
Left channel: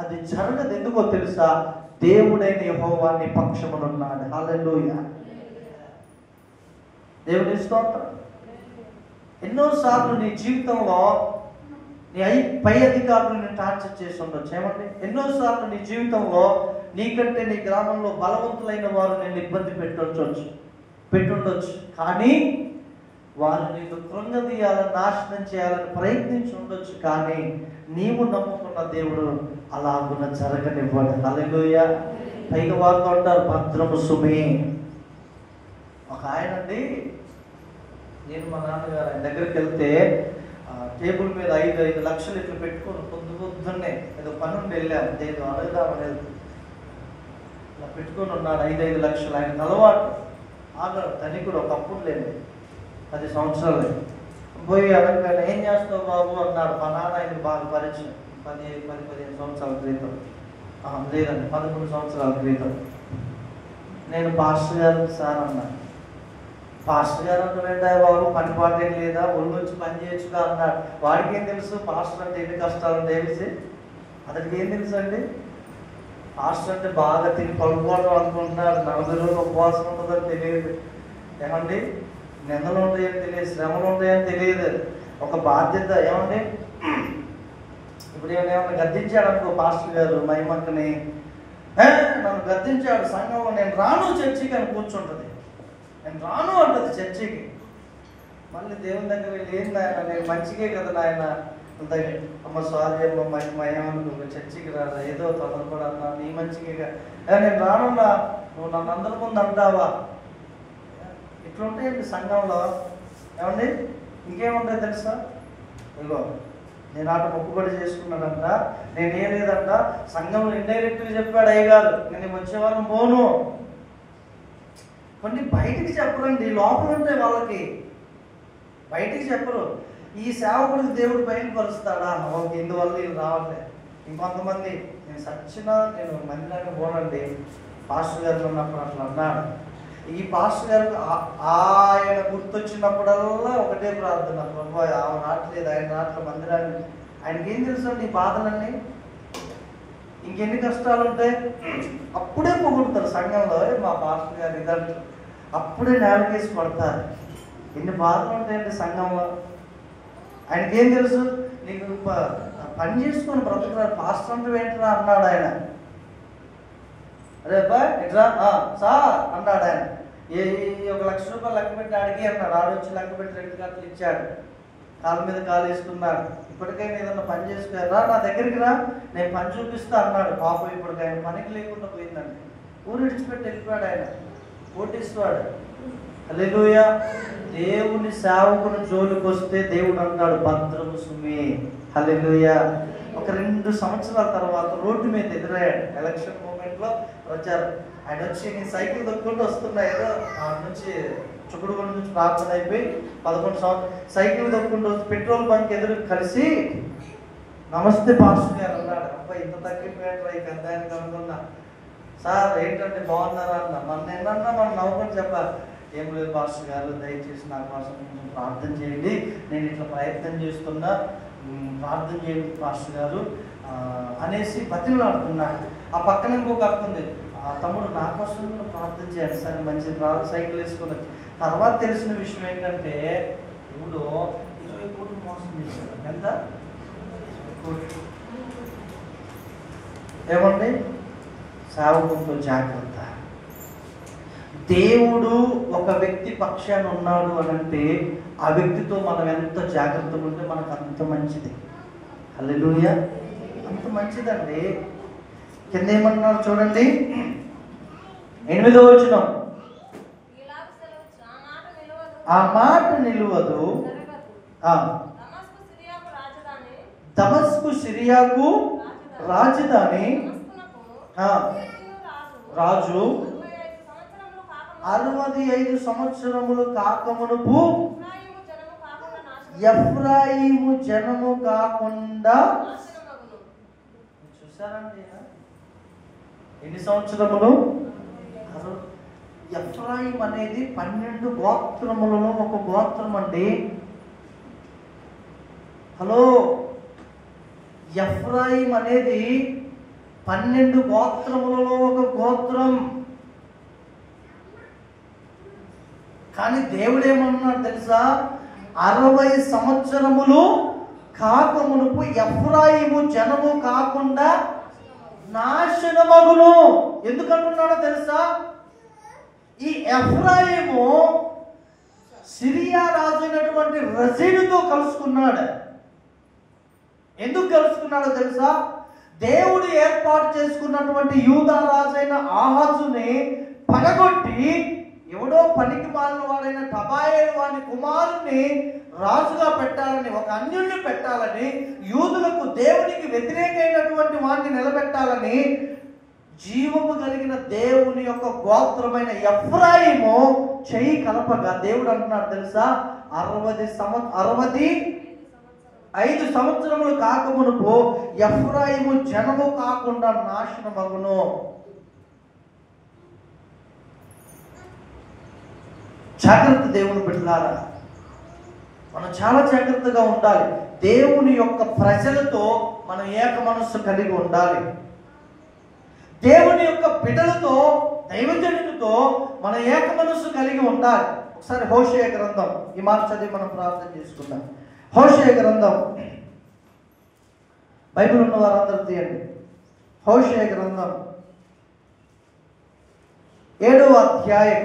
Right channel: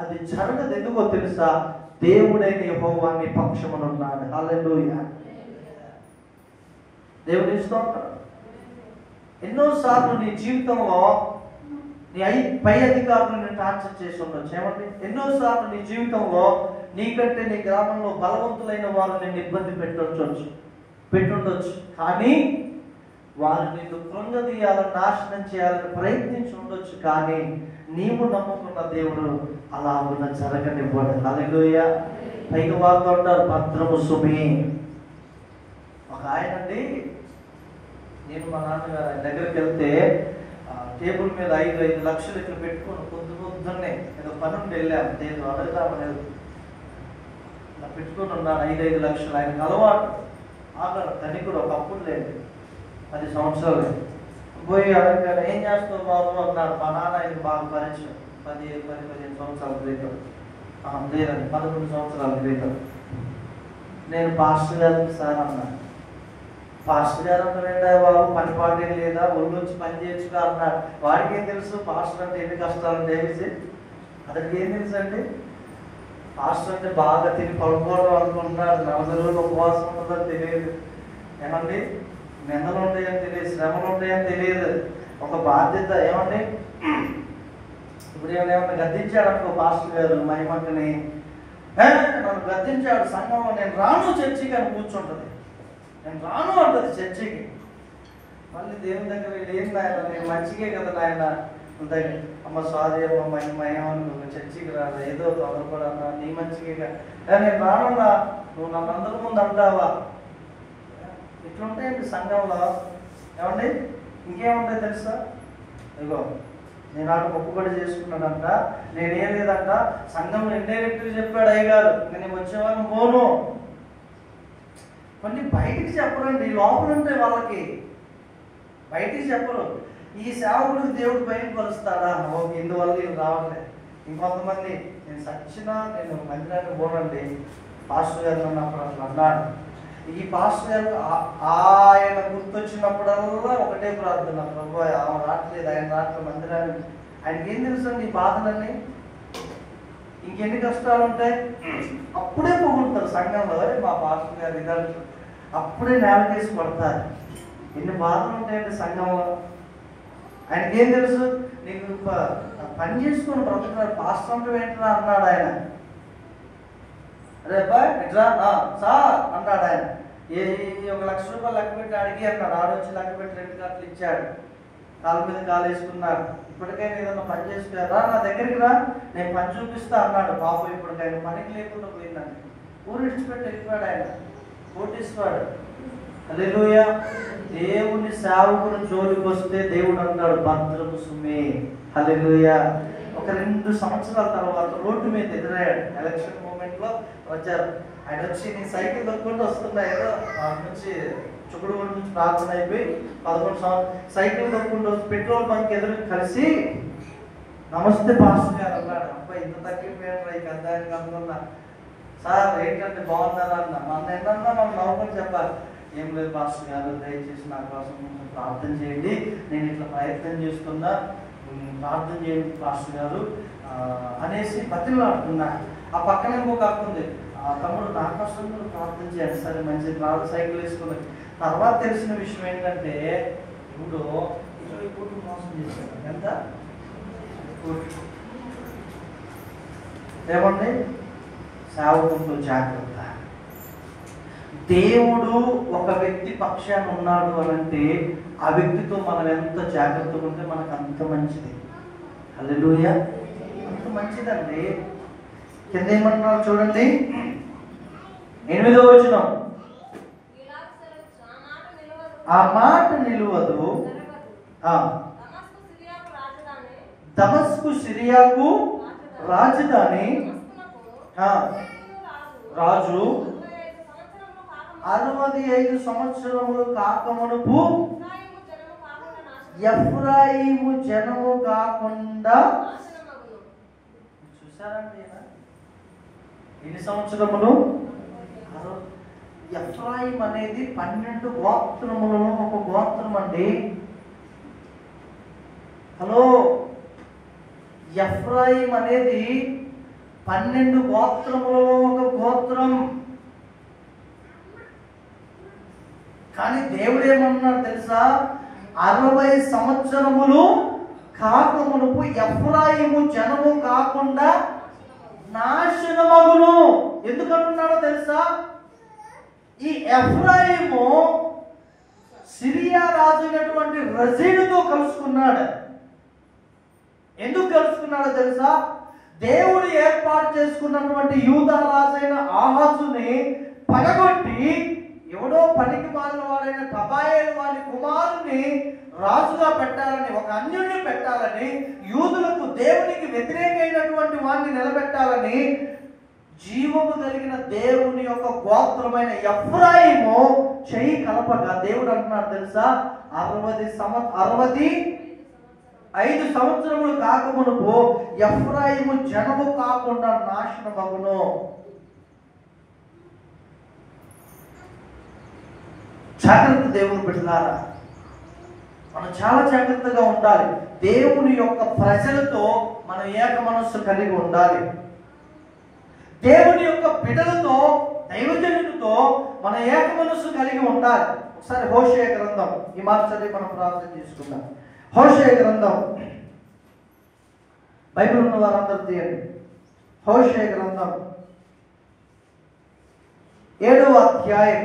అది జరగదు. ఎందుకో తెలుసా? దేవుడైన యెహోవా నీ పక్షమున ఉన్నాడు. హల్లెలూయా. దేవుని స్తోత్రం. ఎన్నోసార్లు నీ జీవితంలో నీ పై అధికారులు నేను టార్చర్ చేసి ఉండొచ్చు. ఏమండి, ఎన్నోసార్లు నీ జీవితంలో నీకంటే నీ గ్రామంలో బలవంతులైన వారు నేను ఇబ్బంది పెట్టుండొచ్చు. కానీ వారు నీకు కృంగదీయాలని, నాశనం చేయాలని ప్రయత్నించి ఉండొచ్చు. కానీ నీవు నమ్ముకున్న దేవుడు అలాగున జరగనివ్వడు. హల్లెలూయా. పైగా వారితో ఉంటారు, భద్రము సుమి. ఒక ఆయన అండి, నేను మా నాన్నగారు ఆయన దగ్గరికి వెళ్తే టేబుల్ మీద 5 లక్షలు ఇట్లా పెట్టుకొని పొద్దున్నే ఏదో పనుండి వెళ్ళాను, నేను అడగలేదు, ఇలా పెట్టుకొని ఉన్నాను. 5 లక్షలు ఆయన అలవాటు. ఆగరు ధనికుడు, ఒకప్పుడు లేదు, 10 సంవత్సరాలు. పోయి అడగగానే ఏం చేస్తావు బాబు అన్నాడు. మా నాన్న ఆయన బాగా పరిచయం, 15 సంవత్సరాల క్రితం, లేదండి 11 సంవత్సరాల క్రితం. నేను పాస్టర్ గారు సార్ అన్నాను. పాస్టర్ గారు అంటే బాబు, పని పాటేం లేదా, ఒళ్ళు వచ్చి పని చేయొచ్చుగా అన్నాడు. వాడికి ఏం తెలుసు పాస్టర్ అంటే ఎన్ని కష్టాలు తెలిసి? అతనికి ఏం తెలుసు అండి? పాస్టర్ అంటే బాగా తిని పడుకోవడం అనుకుంటున్నాడు. 4 రోజులు ఉపవాసం ఉంటుందని తెలియదు. ఏమండి, నిందలు ఉంటాయని తెలియదు, శ్రమలు ఉంటాయని తెలియదు. ఒక బాధ్యత. ఏమండి, ఇప్పుడు ఏమైనా గద్దించాడు అనుకో పాస్టర్ గారు, మహిమక్కని నన్ను గద్దించాడు సంఘంలో, నేను రాను చర్చికి అని కూర్చుంటుంది. నేను రాను అంటుంది చర్చికి. మళ్ళీ దేవుని దగ్గర వెళ్ళి, ఏం నాయన నేను మంచిగే కదా నాయన, అమ్మ సారీ అమ్మ మహిమను చర్చికి రాదు, ఏదో అతను కూడా నీ మంచిగా, నేను రానున్నా, నువ్వు నన్ను అందరి ముందు అంటావా? ఇట్లుంటాయండి సంఘంలో. ఏమండి, ఇంకేముంటాయి తెలుసా? ఇగో నేను అటు మొక్కుబడి చేసుకున్నాడంట, నేనేం లేదంట, సంఘంలో ఇండైరెక్ట్గా చెప్పాడు అయ్యగారు, ఇంక నేను వచ్చేవాళ్ళం పోను. కొన్ని బయటికి చెప్పరండి, లోపల ఉంటాయి వాళ్ళకి, బయటికి చెప్పరు. ఈ సేవకుడికి దేవుడు బయటపరుస్తాడా? ఇందువల్ల నేను రావట్లేదు. ఇంకొంతమంది, నేను సచ్చినా నేను మందిరాన్ని పోనండి, పాస్టర్ గారు ఉన్నప్పుడు అట్లా అన్నాడు. ఈ పాస్టర్ గారికి ఆయనకు గుర్తొచ్చినప్పుడల్లా ఒకటే ప్రార్థన, ప్రభు ఆయన రావట్లేదు మందిరాన్ని. ఆయనకి ఏం తెలుసు అండి బాధలన్నీ, ఇంకెన్ని కష్టాలు ఉంటాయి. అప్పుడే పొగుడుతారు సంఘంలో, మా పాస్టర్ గారు ఇదంటే అప్పుడే నేలకేసి పడతారు. ఎన్ని బాధలు ఉంటాయండి సంఘంలో. ఆయనకి ఏం తెలుసు, నీకు పని చేసుకొని బ్రతుకున్నారు, పాస్టర్ అంటే ఏంటన్నా అన్నాడు ఆయన. అరే అబ్బాయి ఎట్లా సార్ అన్నాడు ఆయన. ₹1,00,000 లెక్క పెట్టి అడిగి అన్నాడు. ఆడొచ్చి లెక్క పెట్టి 2 కార్డులు ఇచ్చాడు. కాలు మీద కాలు వేసుకున్నాడు. ఇప్పటికైనా ఏదన్నా పని చేసుకోరా, నా దగ్గరికి రా, నేను పని చూపిస్తా అన్నాడు. పాపం ఇప్పటికైనా పనికి లేకుండా పోయిందండి. ఊరు విడిచిపెట్టి వెళ్ళిపోయాడు ఆయన, కోటీశ్వరుడు. హల్లెలూయా. దేవుని సేవకుని జోలికి వస్తే దేవుడు అంటాడు భద్రము సుమే. హల్లెలూయా. ఒక 2 సంవత్సరాల తర్వాత రోడ్డు మీద ఎదురయ్యాడు. ఎలక్షన్ మూమెంట్ లో వచ్చారు. ఆయన వచ్చి నేను సైకిల్ దొక్కుంటూ వస్తున్నా, ఏదో అటు నుంచి చుక్కడూరు నుంచి ప్రార్థన అయిపోయి 11 సంవత్సరాలు సైకిల్ దొక్కుంటూ పెట్రోల్ బంక్ ఎదురు కలిసి, నమస్తే పాస్టర్ గారు అన్నాడు. అబ్బాయి ఇంత తగ్గిపోయాడు ఈ పెద్ద ఆయన కనుకున్నా. సార్ ఏంటంటే బాగున్నారా అన్న. మన ఏంటన్నా మనం నవ్వుకొని చెప్పాలి. ఏం లేదు పాస్టర్ గారు, దయచేసి నా కోసం ప్రార్థన చేయండి, నేను ఇట్లా ప్రయత్నం చేస్తున్నా, ప్రార్థన చేయండి పాస్టర్ గారు అనేసి బతిలాడుతున్నాడు. ఆ పక్కన ఇంకొక అక్కుంది, ఆ తమ్ముడు నా కోసం కూడా ప్రార్థన చేయండి. సరే మంచిది, సైకిల్ వేసుకున్నాడు. తర్వాత తెలిసిన విషయం ఏంటంటే ఇప్పుడు 20 కోట్లు మోసం చేశాడు. ఎంత? ఏమండి? సేవకులతో జాగ్రత్త. దేవుడు ఒక వ్యక్తి పక్షాన ఉన్నాడు అని అంటే ఆ వ్యక్తితో మనం ఎంత జాగ్రత్తగా ఉంటే మనకు అంత మంచిది. హల్లెలూయా. అంత మంచిదండి. కింద ఏమంటున్నారు చూడండి, 8వ వచనం. ఆ మాట నిలువదు. దమస్కు సిరియాకు రాజధాని. రాజు 65 సంవత్సరములు కాకమునుపు ఎఫ్రాయిము జనము కాకుండా. చూసారండి ఎన్ని సంవత్సరములు? ఎఫ్రాయిం అనేది 12 గోత్రములలో ఒక గోత్రం అండి. హలో, ఎఫ్రాయిం అనేది 12 గోత్రములలో ఒక గోత్రం. కానీ దేవుడు ఏమన్నాడు తెలుసా? 60 సంవత్సరములు కాకమునుపు ఎఫ్రాయిము జనము కాకుండా నాశనమగును. ఎందుకంటున్నాడో తెలుసా? ఈ ఎఫ్రాయిము సిరియా రాజు అయినటువంటి రజీనుతో కలుసుకున్నాడు. ఎందుకు కలుసుకున్నాడో తెలుసా? దేవుడు ఏర్పాటు చేసుకున్నటువంటి యూదా రాజైన ఆహాజుని పడగొట్టి ఎవడో పనికి మాలిన వాడైన టబాయేలు వాని కుమారుని రాజుగా పెట్టాలని, ఒక అన్యుడిని పెట్టాలని, యూదులకు దేవునికి వ్యతిరేకమైనటువంటి వాడిని నిలబెట్టాలని జీవము కలిగిన దేవుని యొక్క గోత్రమైన ఎఫ్రాయిము చెయ్యి కలపగా దేవుడు అంటున్నాడు తెలుసా? 65 సంవత్సరములు కాకమునుపు ఎఫ్రాయిము జనము కాకుండా నాశనమగును. జాగ్రత్త దేవుని బిడ్డలారా, మనం చాలా జాగ్రత్తగా ఉండాలి. దేవుని యొక్క ప్రజలతో మనం ఏక మనస్సు కలిగి ఉండాలి. దేవుని యొక్క బిడ్డలతో, దైవజనులతో మనం ఏక మనస్సు కలిగి ఉండాలి. ఒకసారి హోషేయ గ్రంథం, ఈ మాట చదివి మనం ప్రార్థన చేసుకుందాం. హోషేయ గ్రంథం, బైబిల్ ఉన్న వారందరూ తీయండి. హోషేయ గ్రంథం 7వ అధ్యాయం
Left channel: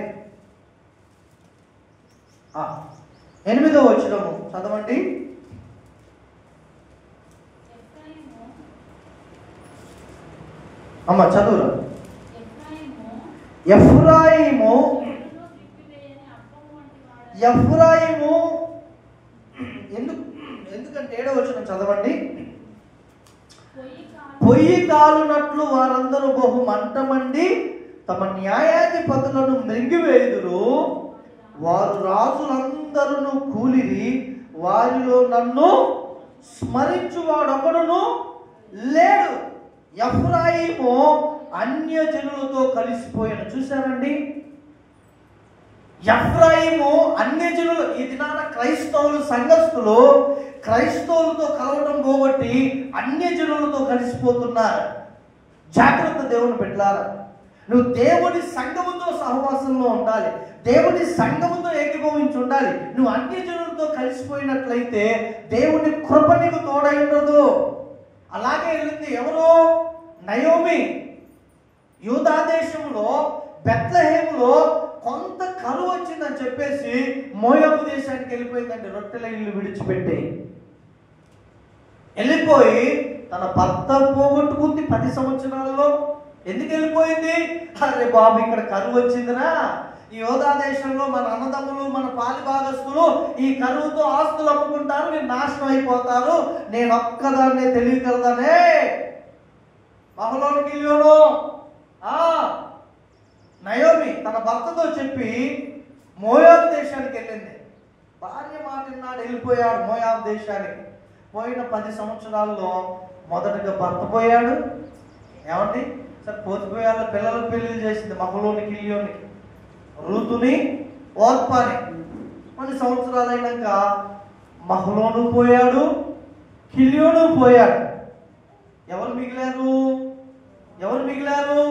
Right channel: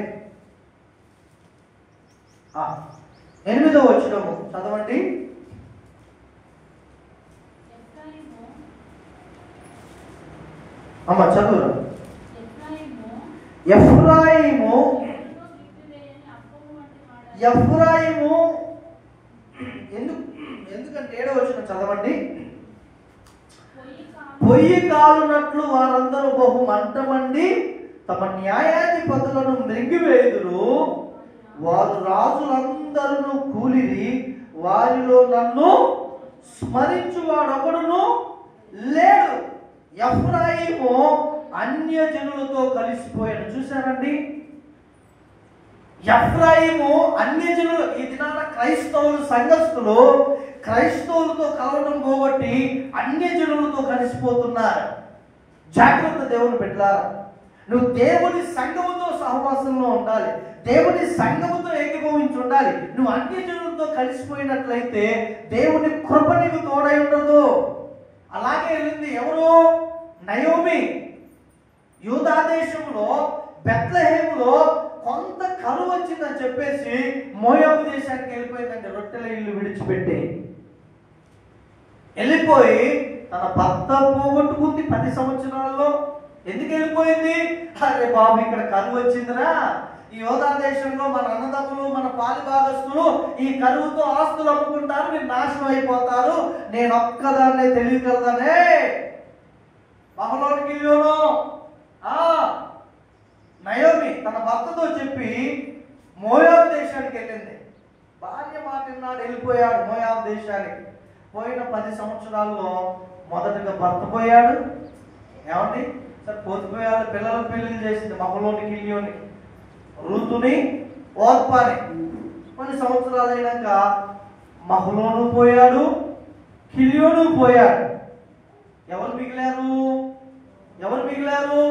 8వ వచనం చదవండి. అమ్మ చదువు. ఎఫ్రాయిము ఎందుకంటే 7వ వచనం చదవండి. పొయ్యి కాలునట్లు వారందరూ బహు మంటమండి తమ న్యాయాధిపతులను మృంగివేయుదురు. వారు రాజులందరూ కూలిరి, వారిలో నన్ను స్మరించువాడొకడును లేడు. ఎఫ్రాయిము అన్యజనులతో కలిసిపోయాడు. చూశారండి, ఎఫ్రాయిము అన్యజనులు, క్రైస్తవులు సంఘస్థులు క్రైస్తవులతో కలవడం పోగొట్టి అన్యజనులతో కలిసిపోతున్నారు. జాగ్రత్త దేవుని బిడ్డలారా, నువ్వు దేవుని సంఘముతో సహవాసంలో ఉండాలి, దేవుని సంఘముతో ఏకీభవించి ఉండాలి. నువ్వు అన్యజనులతో కలిసిపోయినట్లయితే దేవుని కృప నీకు తోడై ఉండదు. అలాగే వెళ్ళింది ఎవరు? నయోమి. యూదా దేశంలో బెత్లెహేములో కొంత కరువు వచ్చిందని చెప్పేసి మోయాబు దేశానికి వెళ్ళిపోయిందండి. రొట్టెల ఇల్లు విడిచిపెట్టి వెళ్ళిపోయి తన భర్త పోగొట్టుకుంది 10 సంవత్సరాలలో. ఎందుకు వెళ్ళిపోయింది? అరే బాబు, ఇక్కడ కరువు వచ్చిందిరా, ఈ యోధా దేశంలో మన అన్నదమ్ములు మన పాలిభాగస్తులు ఈ కరువుతో ఆస్తులు అమ్ముకుంటారు, మీరు నాశనం అయిపోతారు, నేను ఒక్కదాన్నే తెలియగలదానే మహలోనికి వెళ్ళాను. నయోమి తన భర్తతో చెప్పి మోయాబు దేశానికి వెళ్ళింది. భార్య మాట విన్నాడు, వెళ్ళిపోయాడు మోయాబు దేశానికి. పోయిన 10 సంవత్సరాల్లో మొదటిగా భర్త పోయాడు. ఏమండి సరే, పోతిపోయాడు. పిల్లలకు పెళ్లి చేసింది మహలోని కిలియోని, రూతుని, ఓర్పాని. కొన్ని సంవత్సరాలు అయినాక మహలోను పోయాడు, కిలియోను పోయాడు. ఎవరు మిగిలారు?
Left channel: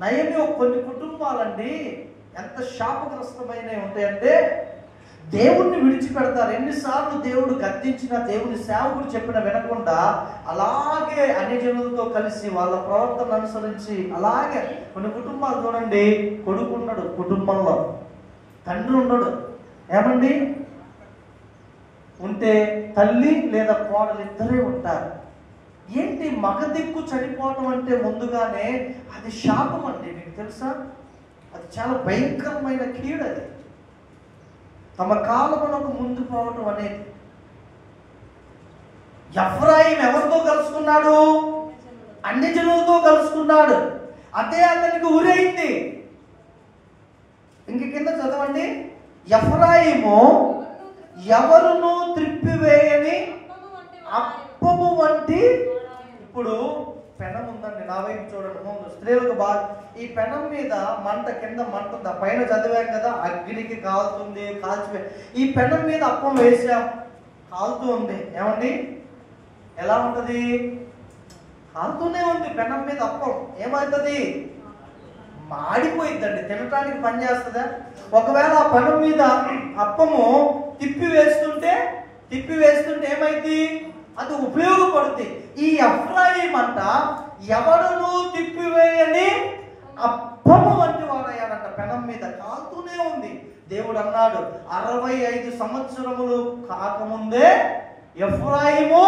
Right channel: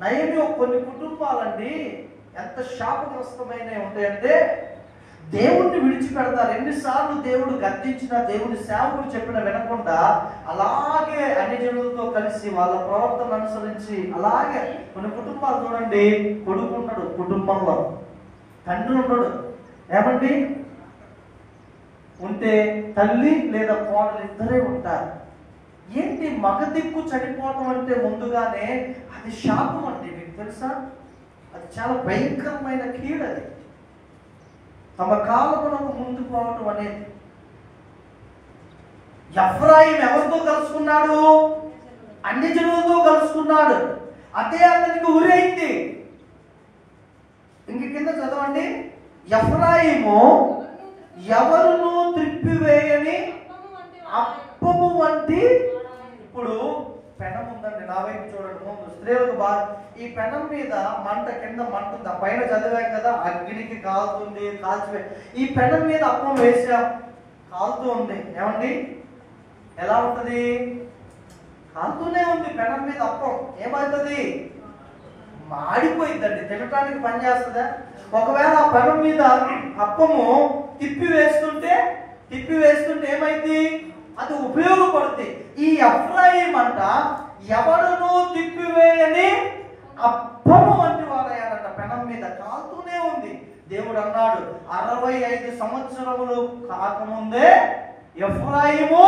నయమి. కొన్ని కుటుంబాలండి ఎంత శాపగ్రస్తమైన ఉంటాయంటే దేవుణ్ణి విడిచిపెడతారు. ఎన్నిసార్లు దేవుడు గద్దించిన, దేవుని సేవకుడు చెప్పిన వినకుండా అలాగే అన్ని జనులతో కలిసి వాళ్ళ ప్రవర్తన అనుసరించి అలాగే కొన్ని కుటుంబాలు చూడండి. కొడుకు ఉన్నాడు కుటుంబంలో, తండ్రి ఉండడు. ఏమండి ఉంటే తల్లి లేదా కోడలు ఇద్దరే ఉంటారు. ఏంటి మగ దిక్కు చనిపోవటం అంటే ముందుగానే అది శాపం అండి. మీకు తెలుసా? అది చాలా భయంకరమైన కీడు. అది తమ కాలమునకు ముందు పోవటం అనేది. ఎఫ్రాయిం ఎవరితో కలుసుకున్నాడు? అన్ని జనులతో కలుసుకున్నాడు. అదే అతనికి ఊరైంది. ఇంక కింద చదవండి. ఎఫ్రాయిము ఎవరును త్రిప్పివేయని అప్పము వంటి. ఇప్పుడు పెనం ఉందండి, నా వైపు చూడండి. ముందు స్త్రీలకు బాగా ఈ పెనం మీద మంట, కింద మంట ఉంది. పైన చదివాం కదా, అగ్నికి కాలుతుంది, కాల్చివే. ఈ పెనం మీద అప్పం వేసాం, కాలుతూ ఉంది. ఏమండి ఎలా ఉంటుంది? కాలుతూనే ఉంది. పెనం మీద అప్పం ఏమవుతుంది? మాడిపోయిందండి. తినటానికి పని చేస్తుందా? ఒకవేళ ఆ పెనం మీద అప్పము తిప్పి వేస్తుంటే ఏమైంది? అది ఉపయోగపడుతుంది. ఈ ఎఫ్రాయిం అంట ఎవరును తిప్పివేయని అప్పము వంటి వాడయ్యాడంట. పెనం మీద కాలుతూనే ఉంది. దేవుడు అన్నాడు 65 సంవత్సరములు కాకముందే ఎఫ్రాయిము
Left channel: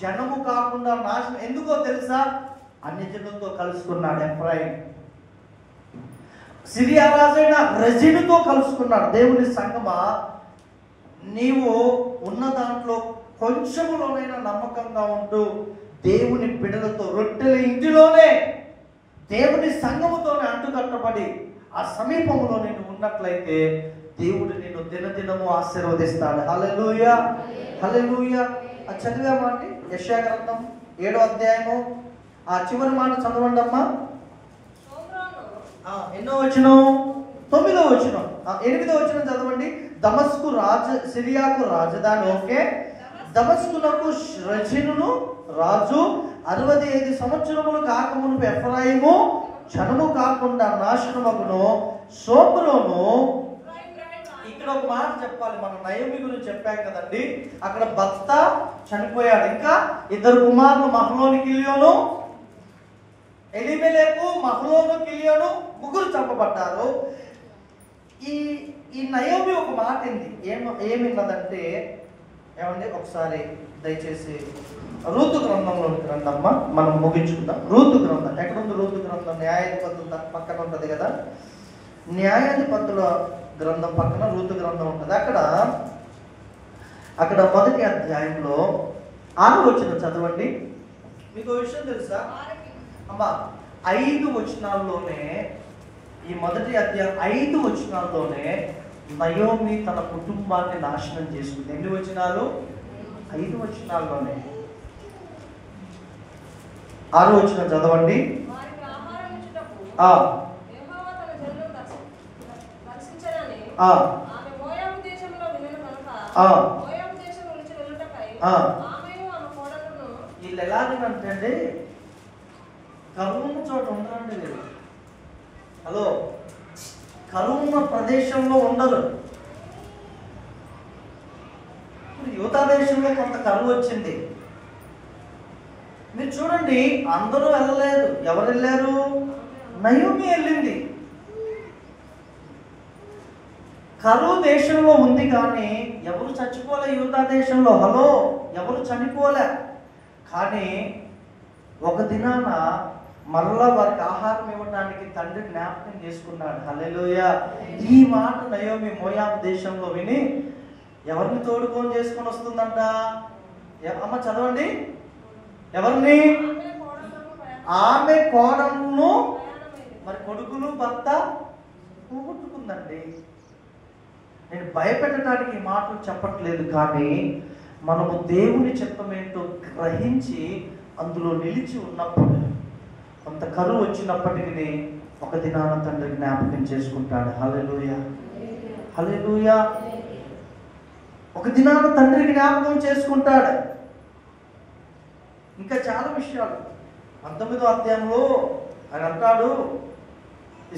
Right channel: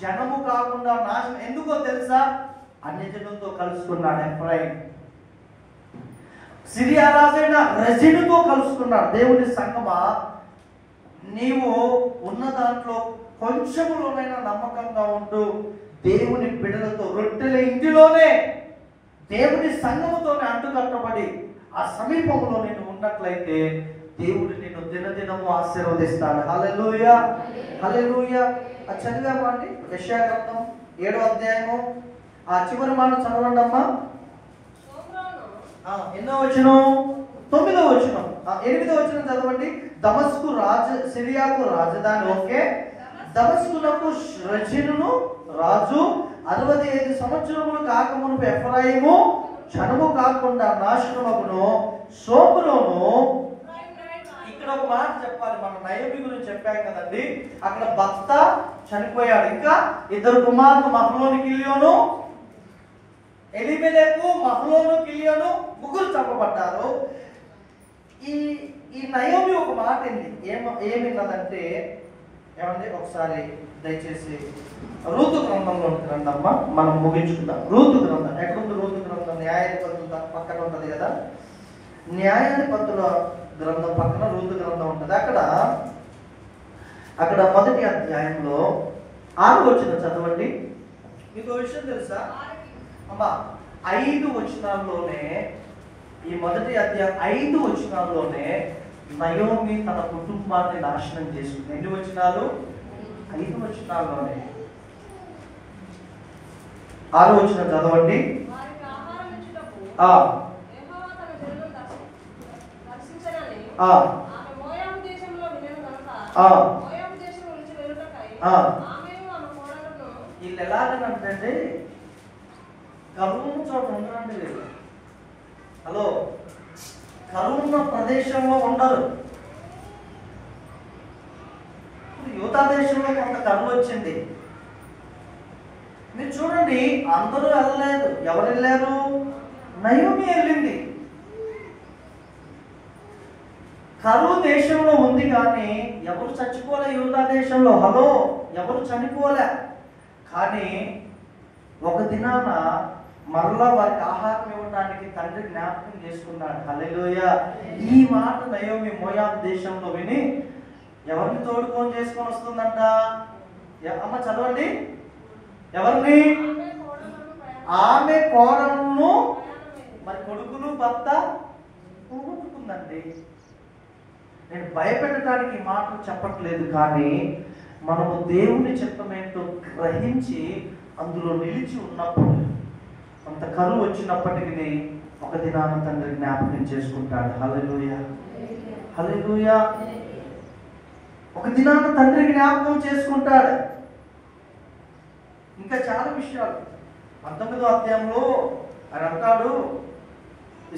జనము కాకుండా నాశనం. ఎందుకో తెలుసా? అన్ని జనులతో కలుసుకున్నాడు ఎఫ్రాయిం. సిరియా రాజైన రెజినుతో కలుసుకున్నాడు. దేవుని సంగమా, నీవు ఉన్న దాంట్లో కొంచెంలోనైనా నమ్మకంగా ఉంటూ దేవుని బిడ్డలతో రొట్టెల ఇంటిలోనే దేవుని సంఘముతోనే అంటుకట్టబడి ఆ సమీపంలో నేను ఉన్నట్లయితే దేవుడు నిన్ను దినదినము ఆశీర్వదిస్తాడు. హల్లెలూయా, హల్లెలూయా. అది చదివామా అండి? యెషయా గ్రంథం 7వ అధ్యాయము ఆ చివరి మాట చదవండి అమ్మా. ఎన్నో వచనం? 9వ వచనం. 8వ వచనం చదవండి. దమస్కు సిరియాకు రాజధాని. ఓకే. దమస్కునకు రెజినును రాజు 65 సంవత్సరములు కాకమునుపు ఎఫ్రాయిము జనము కాకుండా నాశనమగును. సోపులోను. ఇక్కడ ఒక మాట చెప్పాలి. మనం నయోమి గురించి చెప్పాం కదండి. అక్కడ భర్త చనిపోయాడు. ఇంకా 2 కుమారులు మహలోను, కిలియోను. ఎలిమెలెకు, మహలోను, కిలియోను 3 చంపబడ్డారు. ఈ నయోమి ఒక మాట ఏమిన్నదంటే, ఏమండి ఒకసారి దయచేసి రూతు గ్రంథంలోకి రండమ్మా, మనం ముగించుకుందాం. రూతు గ్రంథం ఎక్కడుంది? రూతు గ్రంథం న్యాయాధిపతుల పక్కన ఉంటుంది కదా. న్యాయాధిపతుల గ్రంథం పక్కన రూతు గ్రంథం ఉంటుంది. అక్కడ 1వ అధ్యాయంలో 6వ వచనం చదవండి. మీకు విషయం తెలుసా అమ్మా? 5 వచనాల్లోనే, ఈ 1వ అధ్యాయం 5 వచనాల్లోనే నయోమి తన కుటుంబాన్ని నాశనం చేసింది. ఎన్ని వచనాలు? 5 వచనాల్లోనే. 6వ వచనం చదవండి. వీళ్ళు ఎలాగంటే కరువు చోట ఉండరండి వీళ్ళు. హలో, కరువు ఉన్న ప్రదేశంలో ఉండరు. యూదా దేశంలో కొంత కరువు వచ్చింది. మీరు చూడండి, అందరూ వెళ్ళలేదు. ఎవరు వెళ్ళారు? నయోమి వెళ్ళింది. కరువు దేశంలో ఉంది కానీ ఎవరు చచ్చిపోలే యూదా దేశంలో. హలో, ఎవరు చనిపోలే. కానీ ఒక దినాన మరలా వారికి ఆహారం ఇవ్వడానికి తండ్రి జ్ఞాపకం చేసుకున్నాడు. హల్లెలూయా. ఈ మాట నయోమి మోయాబు దేశంలో విని ఎవరిని తోడుకొని చేసుకొని వస్తుందంట? అమ్మ చదవండి. ఎవరిని? ఆమె కోడలను. మరి కొడుకులు భర్త పోగొట్టుకుందండి. నేను భయపెట్టడానికి మాటలు చెప్పట్లేదు, కానీ మనము దేవుని చిత్తమేంటో గ్రహించి అందులో నిలిచి ఉన్నప్పుడు కొంత కరువు వచ్చినప్పటికీ ఒక దినాన తండ్రి జ్ఞాపకం చేసుకుంటాడు. హల్లెలూయా, హల్లెలూయా. ఒక దినాన తండ్రి జ్ఞాపకం చేసుకుంటాడు. ఇంకా చాలా విషయాలు 19వ అధ్యాయంలో ఆయన అంటాడు,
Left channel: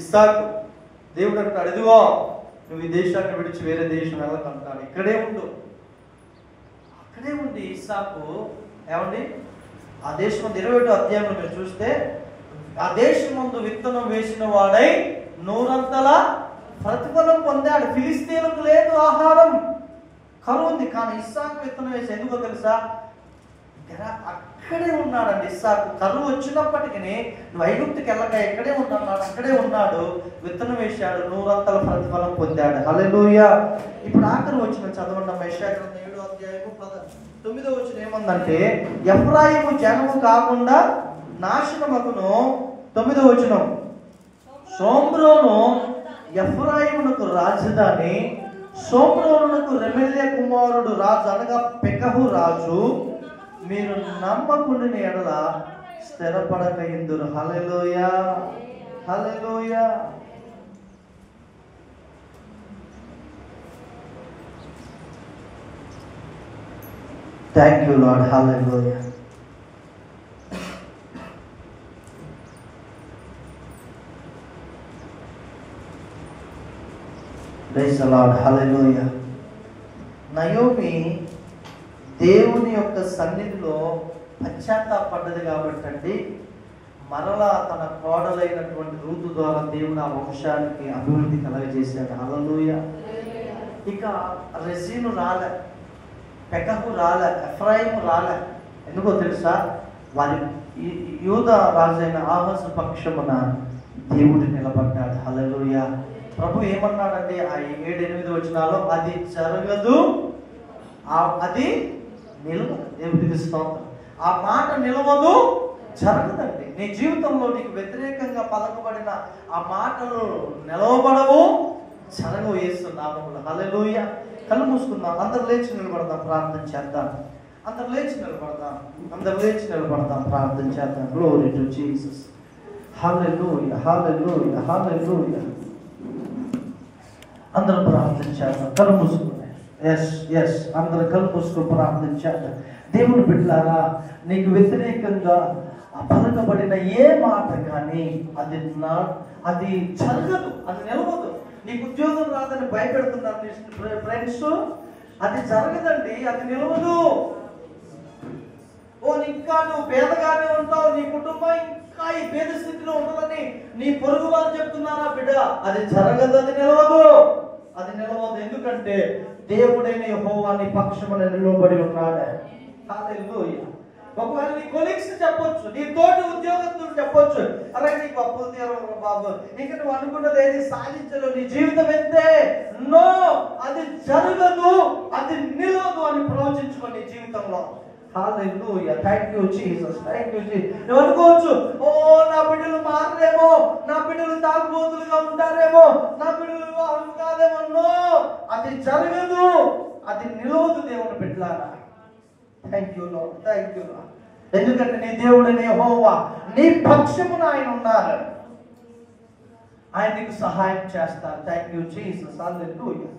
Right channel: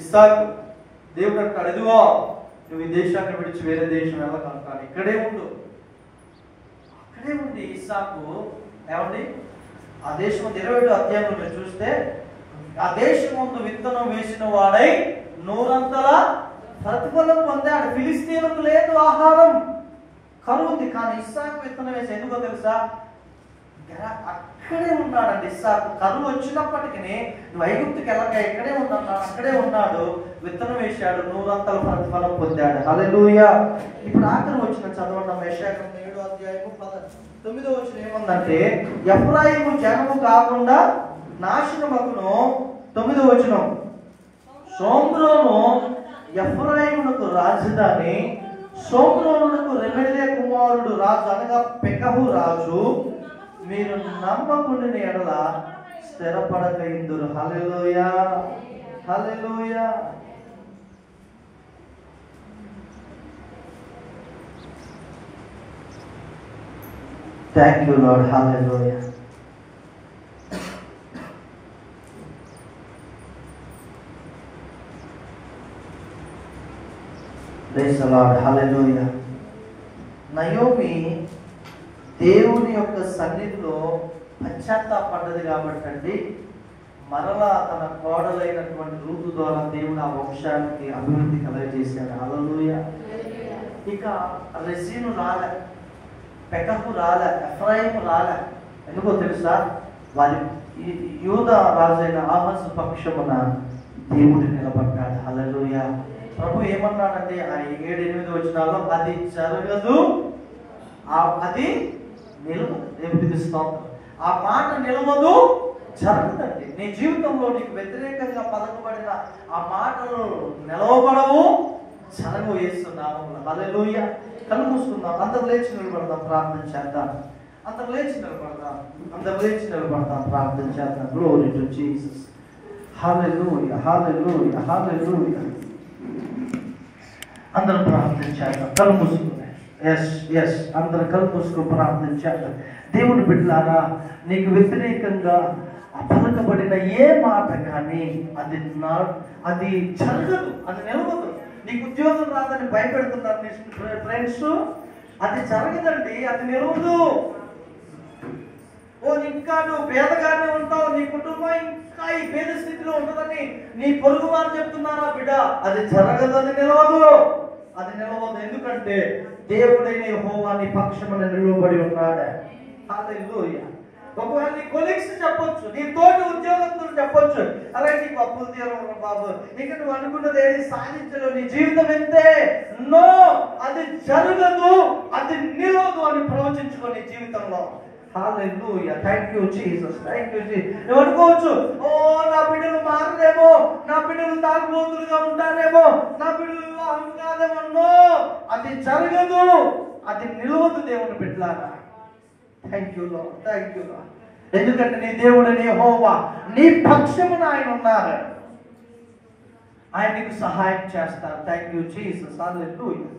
ఇస్సాకు దేవుడు అంటాడు, ఇదిగో నువ్వు ఈ దేశాన్ని విడిచి వేరే దేశం వెళ్ళకంటాడు, ఇక్కడే ఉండు. అక్కడే ఉండి ఇస్సాకు ఏమండి ఆ దేశం 20వ అధ్యాయంలో మీరు చూస్తే, ఆ దేశం ముందు విత్తనం వేసిన వాడై 100 ప్రతిఫలం పొందాడు. ఫిలిస్తీనులకు లేదు ఆహారం, కరువు ఉంది. కానీ ఇస్సాకు విత్తనం వేసి ఎందుకో తెలుసా? అక్కడే ఉన్నాడండి ఇస్సాకు. కరువు వచ్చినప్పటికీ నువ్వు ఐగుప్తుకి వెళ్ళక ఇక్కడే ఉన్నాడు, అక్కడే ఉన్నాడు. విత్తనం వేశాడు, 100 ప్రతిఫలం పొందాడు. హల్లెలూయా. ఇప్పుడు ఆఖరి వచ్చిన చదవండి. యెషయా గ్రంథం 7వ అధ్యాయము 9వ వచనం ఏమందంటే, ఎఫ్రాయిము జనము కాకుండా నాశనమగును. 9వ వచనం, సోమ్రోను ఎఫ్రాయిమునకు రాజధాని, సోమ్రోనునకు రెమెల్యా కుమారుడు రాజు అనగా పెకహు రాజు. మీరు నమ్మకుండిన ఎడల స్థిరపడక ఇందురు. Hallelujah, hallelujah. Thank you Lord. Hallelujah. Praise the Lord. Hallelujah. Naomi దేవుని యొక్క సన్నిధిలో పశ్చాత్తాపడ్డది కాబట్టి అండి, మరలా తన కోడలైనటువంటి రూతు ద్వారా దేవుడు ఆ వంశానికి అభివృద్ధి కలగజేశాడు. హల్లెలూయా. ఇక రెజీను రాలే, పెకహు రాలే, ఎఫ్రాయిము రాలే. ఎందుకో తెలుసా? వారి యూదా రాజైన ఆహాజు పక్షమున దేవుడు నిలబడ్డాడు. హల్లెలూయా. ప్రభు ఏమన్నాడంటే ఆ 7-8 వచనాల్లో, అది జరగదు, అది నిలవదు. దేవుడికి స్తోత్రం. ఆ మాట నిలవదు, జరగదండి. నీ జీవితంలో నీకు వ్యతిరేకంగా పలకబడిన ఆ మాటలు నిలవబడవు, జరగవు. యేసు నామములో. హల్లెలూయా. కళ్ళు మూసుకుందాం. అందరు లేచి నిలబడదాం, ప్రార్థన చేద్దాం. అందరు లేచి నిలబడదాం, ప్రార్థన చేద్దాం. Glory to Jesus. Hallelujah, hallelujah, hallelujah. అందరూ ప్రార్థన చేద్దాం. కళ్ళు మూసుకుందాం. ఎస్ అందరూ కళ్ళు మూసుకొని ప్రార్థన చేద్దాం. దేవుని బిడ్డలారా, నీకు వ్యతిరేకంగా పలకబడిన ఏ మాట కానీ అది జరగదు, అది నిలవదు. నీకు ఉద్యోగం రాదని భయపెడుతున్నారు నీ ఫ్రెండ్స్, అది జరగదండి, అది నిలవదు. ఇంకా నువ్వు పేదగానే ఉంటావు, నీ కుటుంబం ఇంకా ఈ పేద స్థితిలో ఉంటుందని నీ పొరుగు వారు చెప్తున్నారా బిడ్డ? అది జరగదు, అది నిలవదు, అది నిలవదు. ఎందుకంటే దేవుడైన యెహోవా నీ పక్షమున నిలవబడి ఉన్నాడు. హల్లెలూయా. ఒకవేళ నీ కొలీగ్స్ చెప్పొచ్చు, నీ తోటి ఉద్యోగస్తులు చెప్పొచ్చు, అరే నీకు అప్పులు తీరవు బాబు, ఇక నువ్వు అనుకున్నది ఏది సాధించలేవు, నీ జీవితం ఎంతే. నో, అది జరగదు, అది నిలవదు అని ప్రవచించుకో నీ జీవితంలో. Hallelujah. Thank you Jesus, thank you Jesus. నువ్వు అనుకోవచ్చు, ఓ నా బిడ్డలు మారలేమో, నా బిడ్డలు తాగుబోతులుగా ఉంటారేమో, నా బిడ్డలు వివాహం కాదేమో. నో, అది జరగదు, అది నిలవదు. దేవుని బిడ్డలారా, thank you lord, thank you lord. ఎందుకంటే నీ దేవుడైన యెహోవా నీ పక్షమున ఆయన ఉన్నారు, ఆయన నీకు సహాయం చేస్తారు. Thank you Jesus. హల్లెలూయా.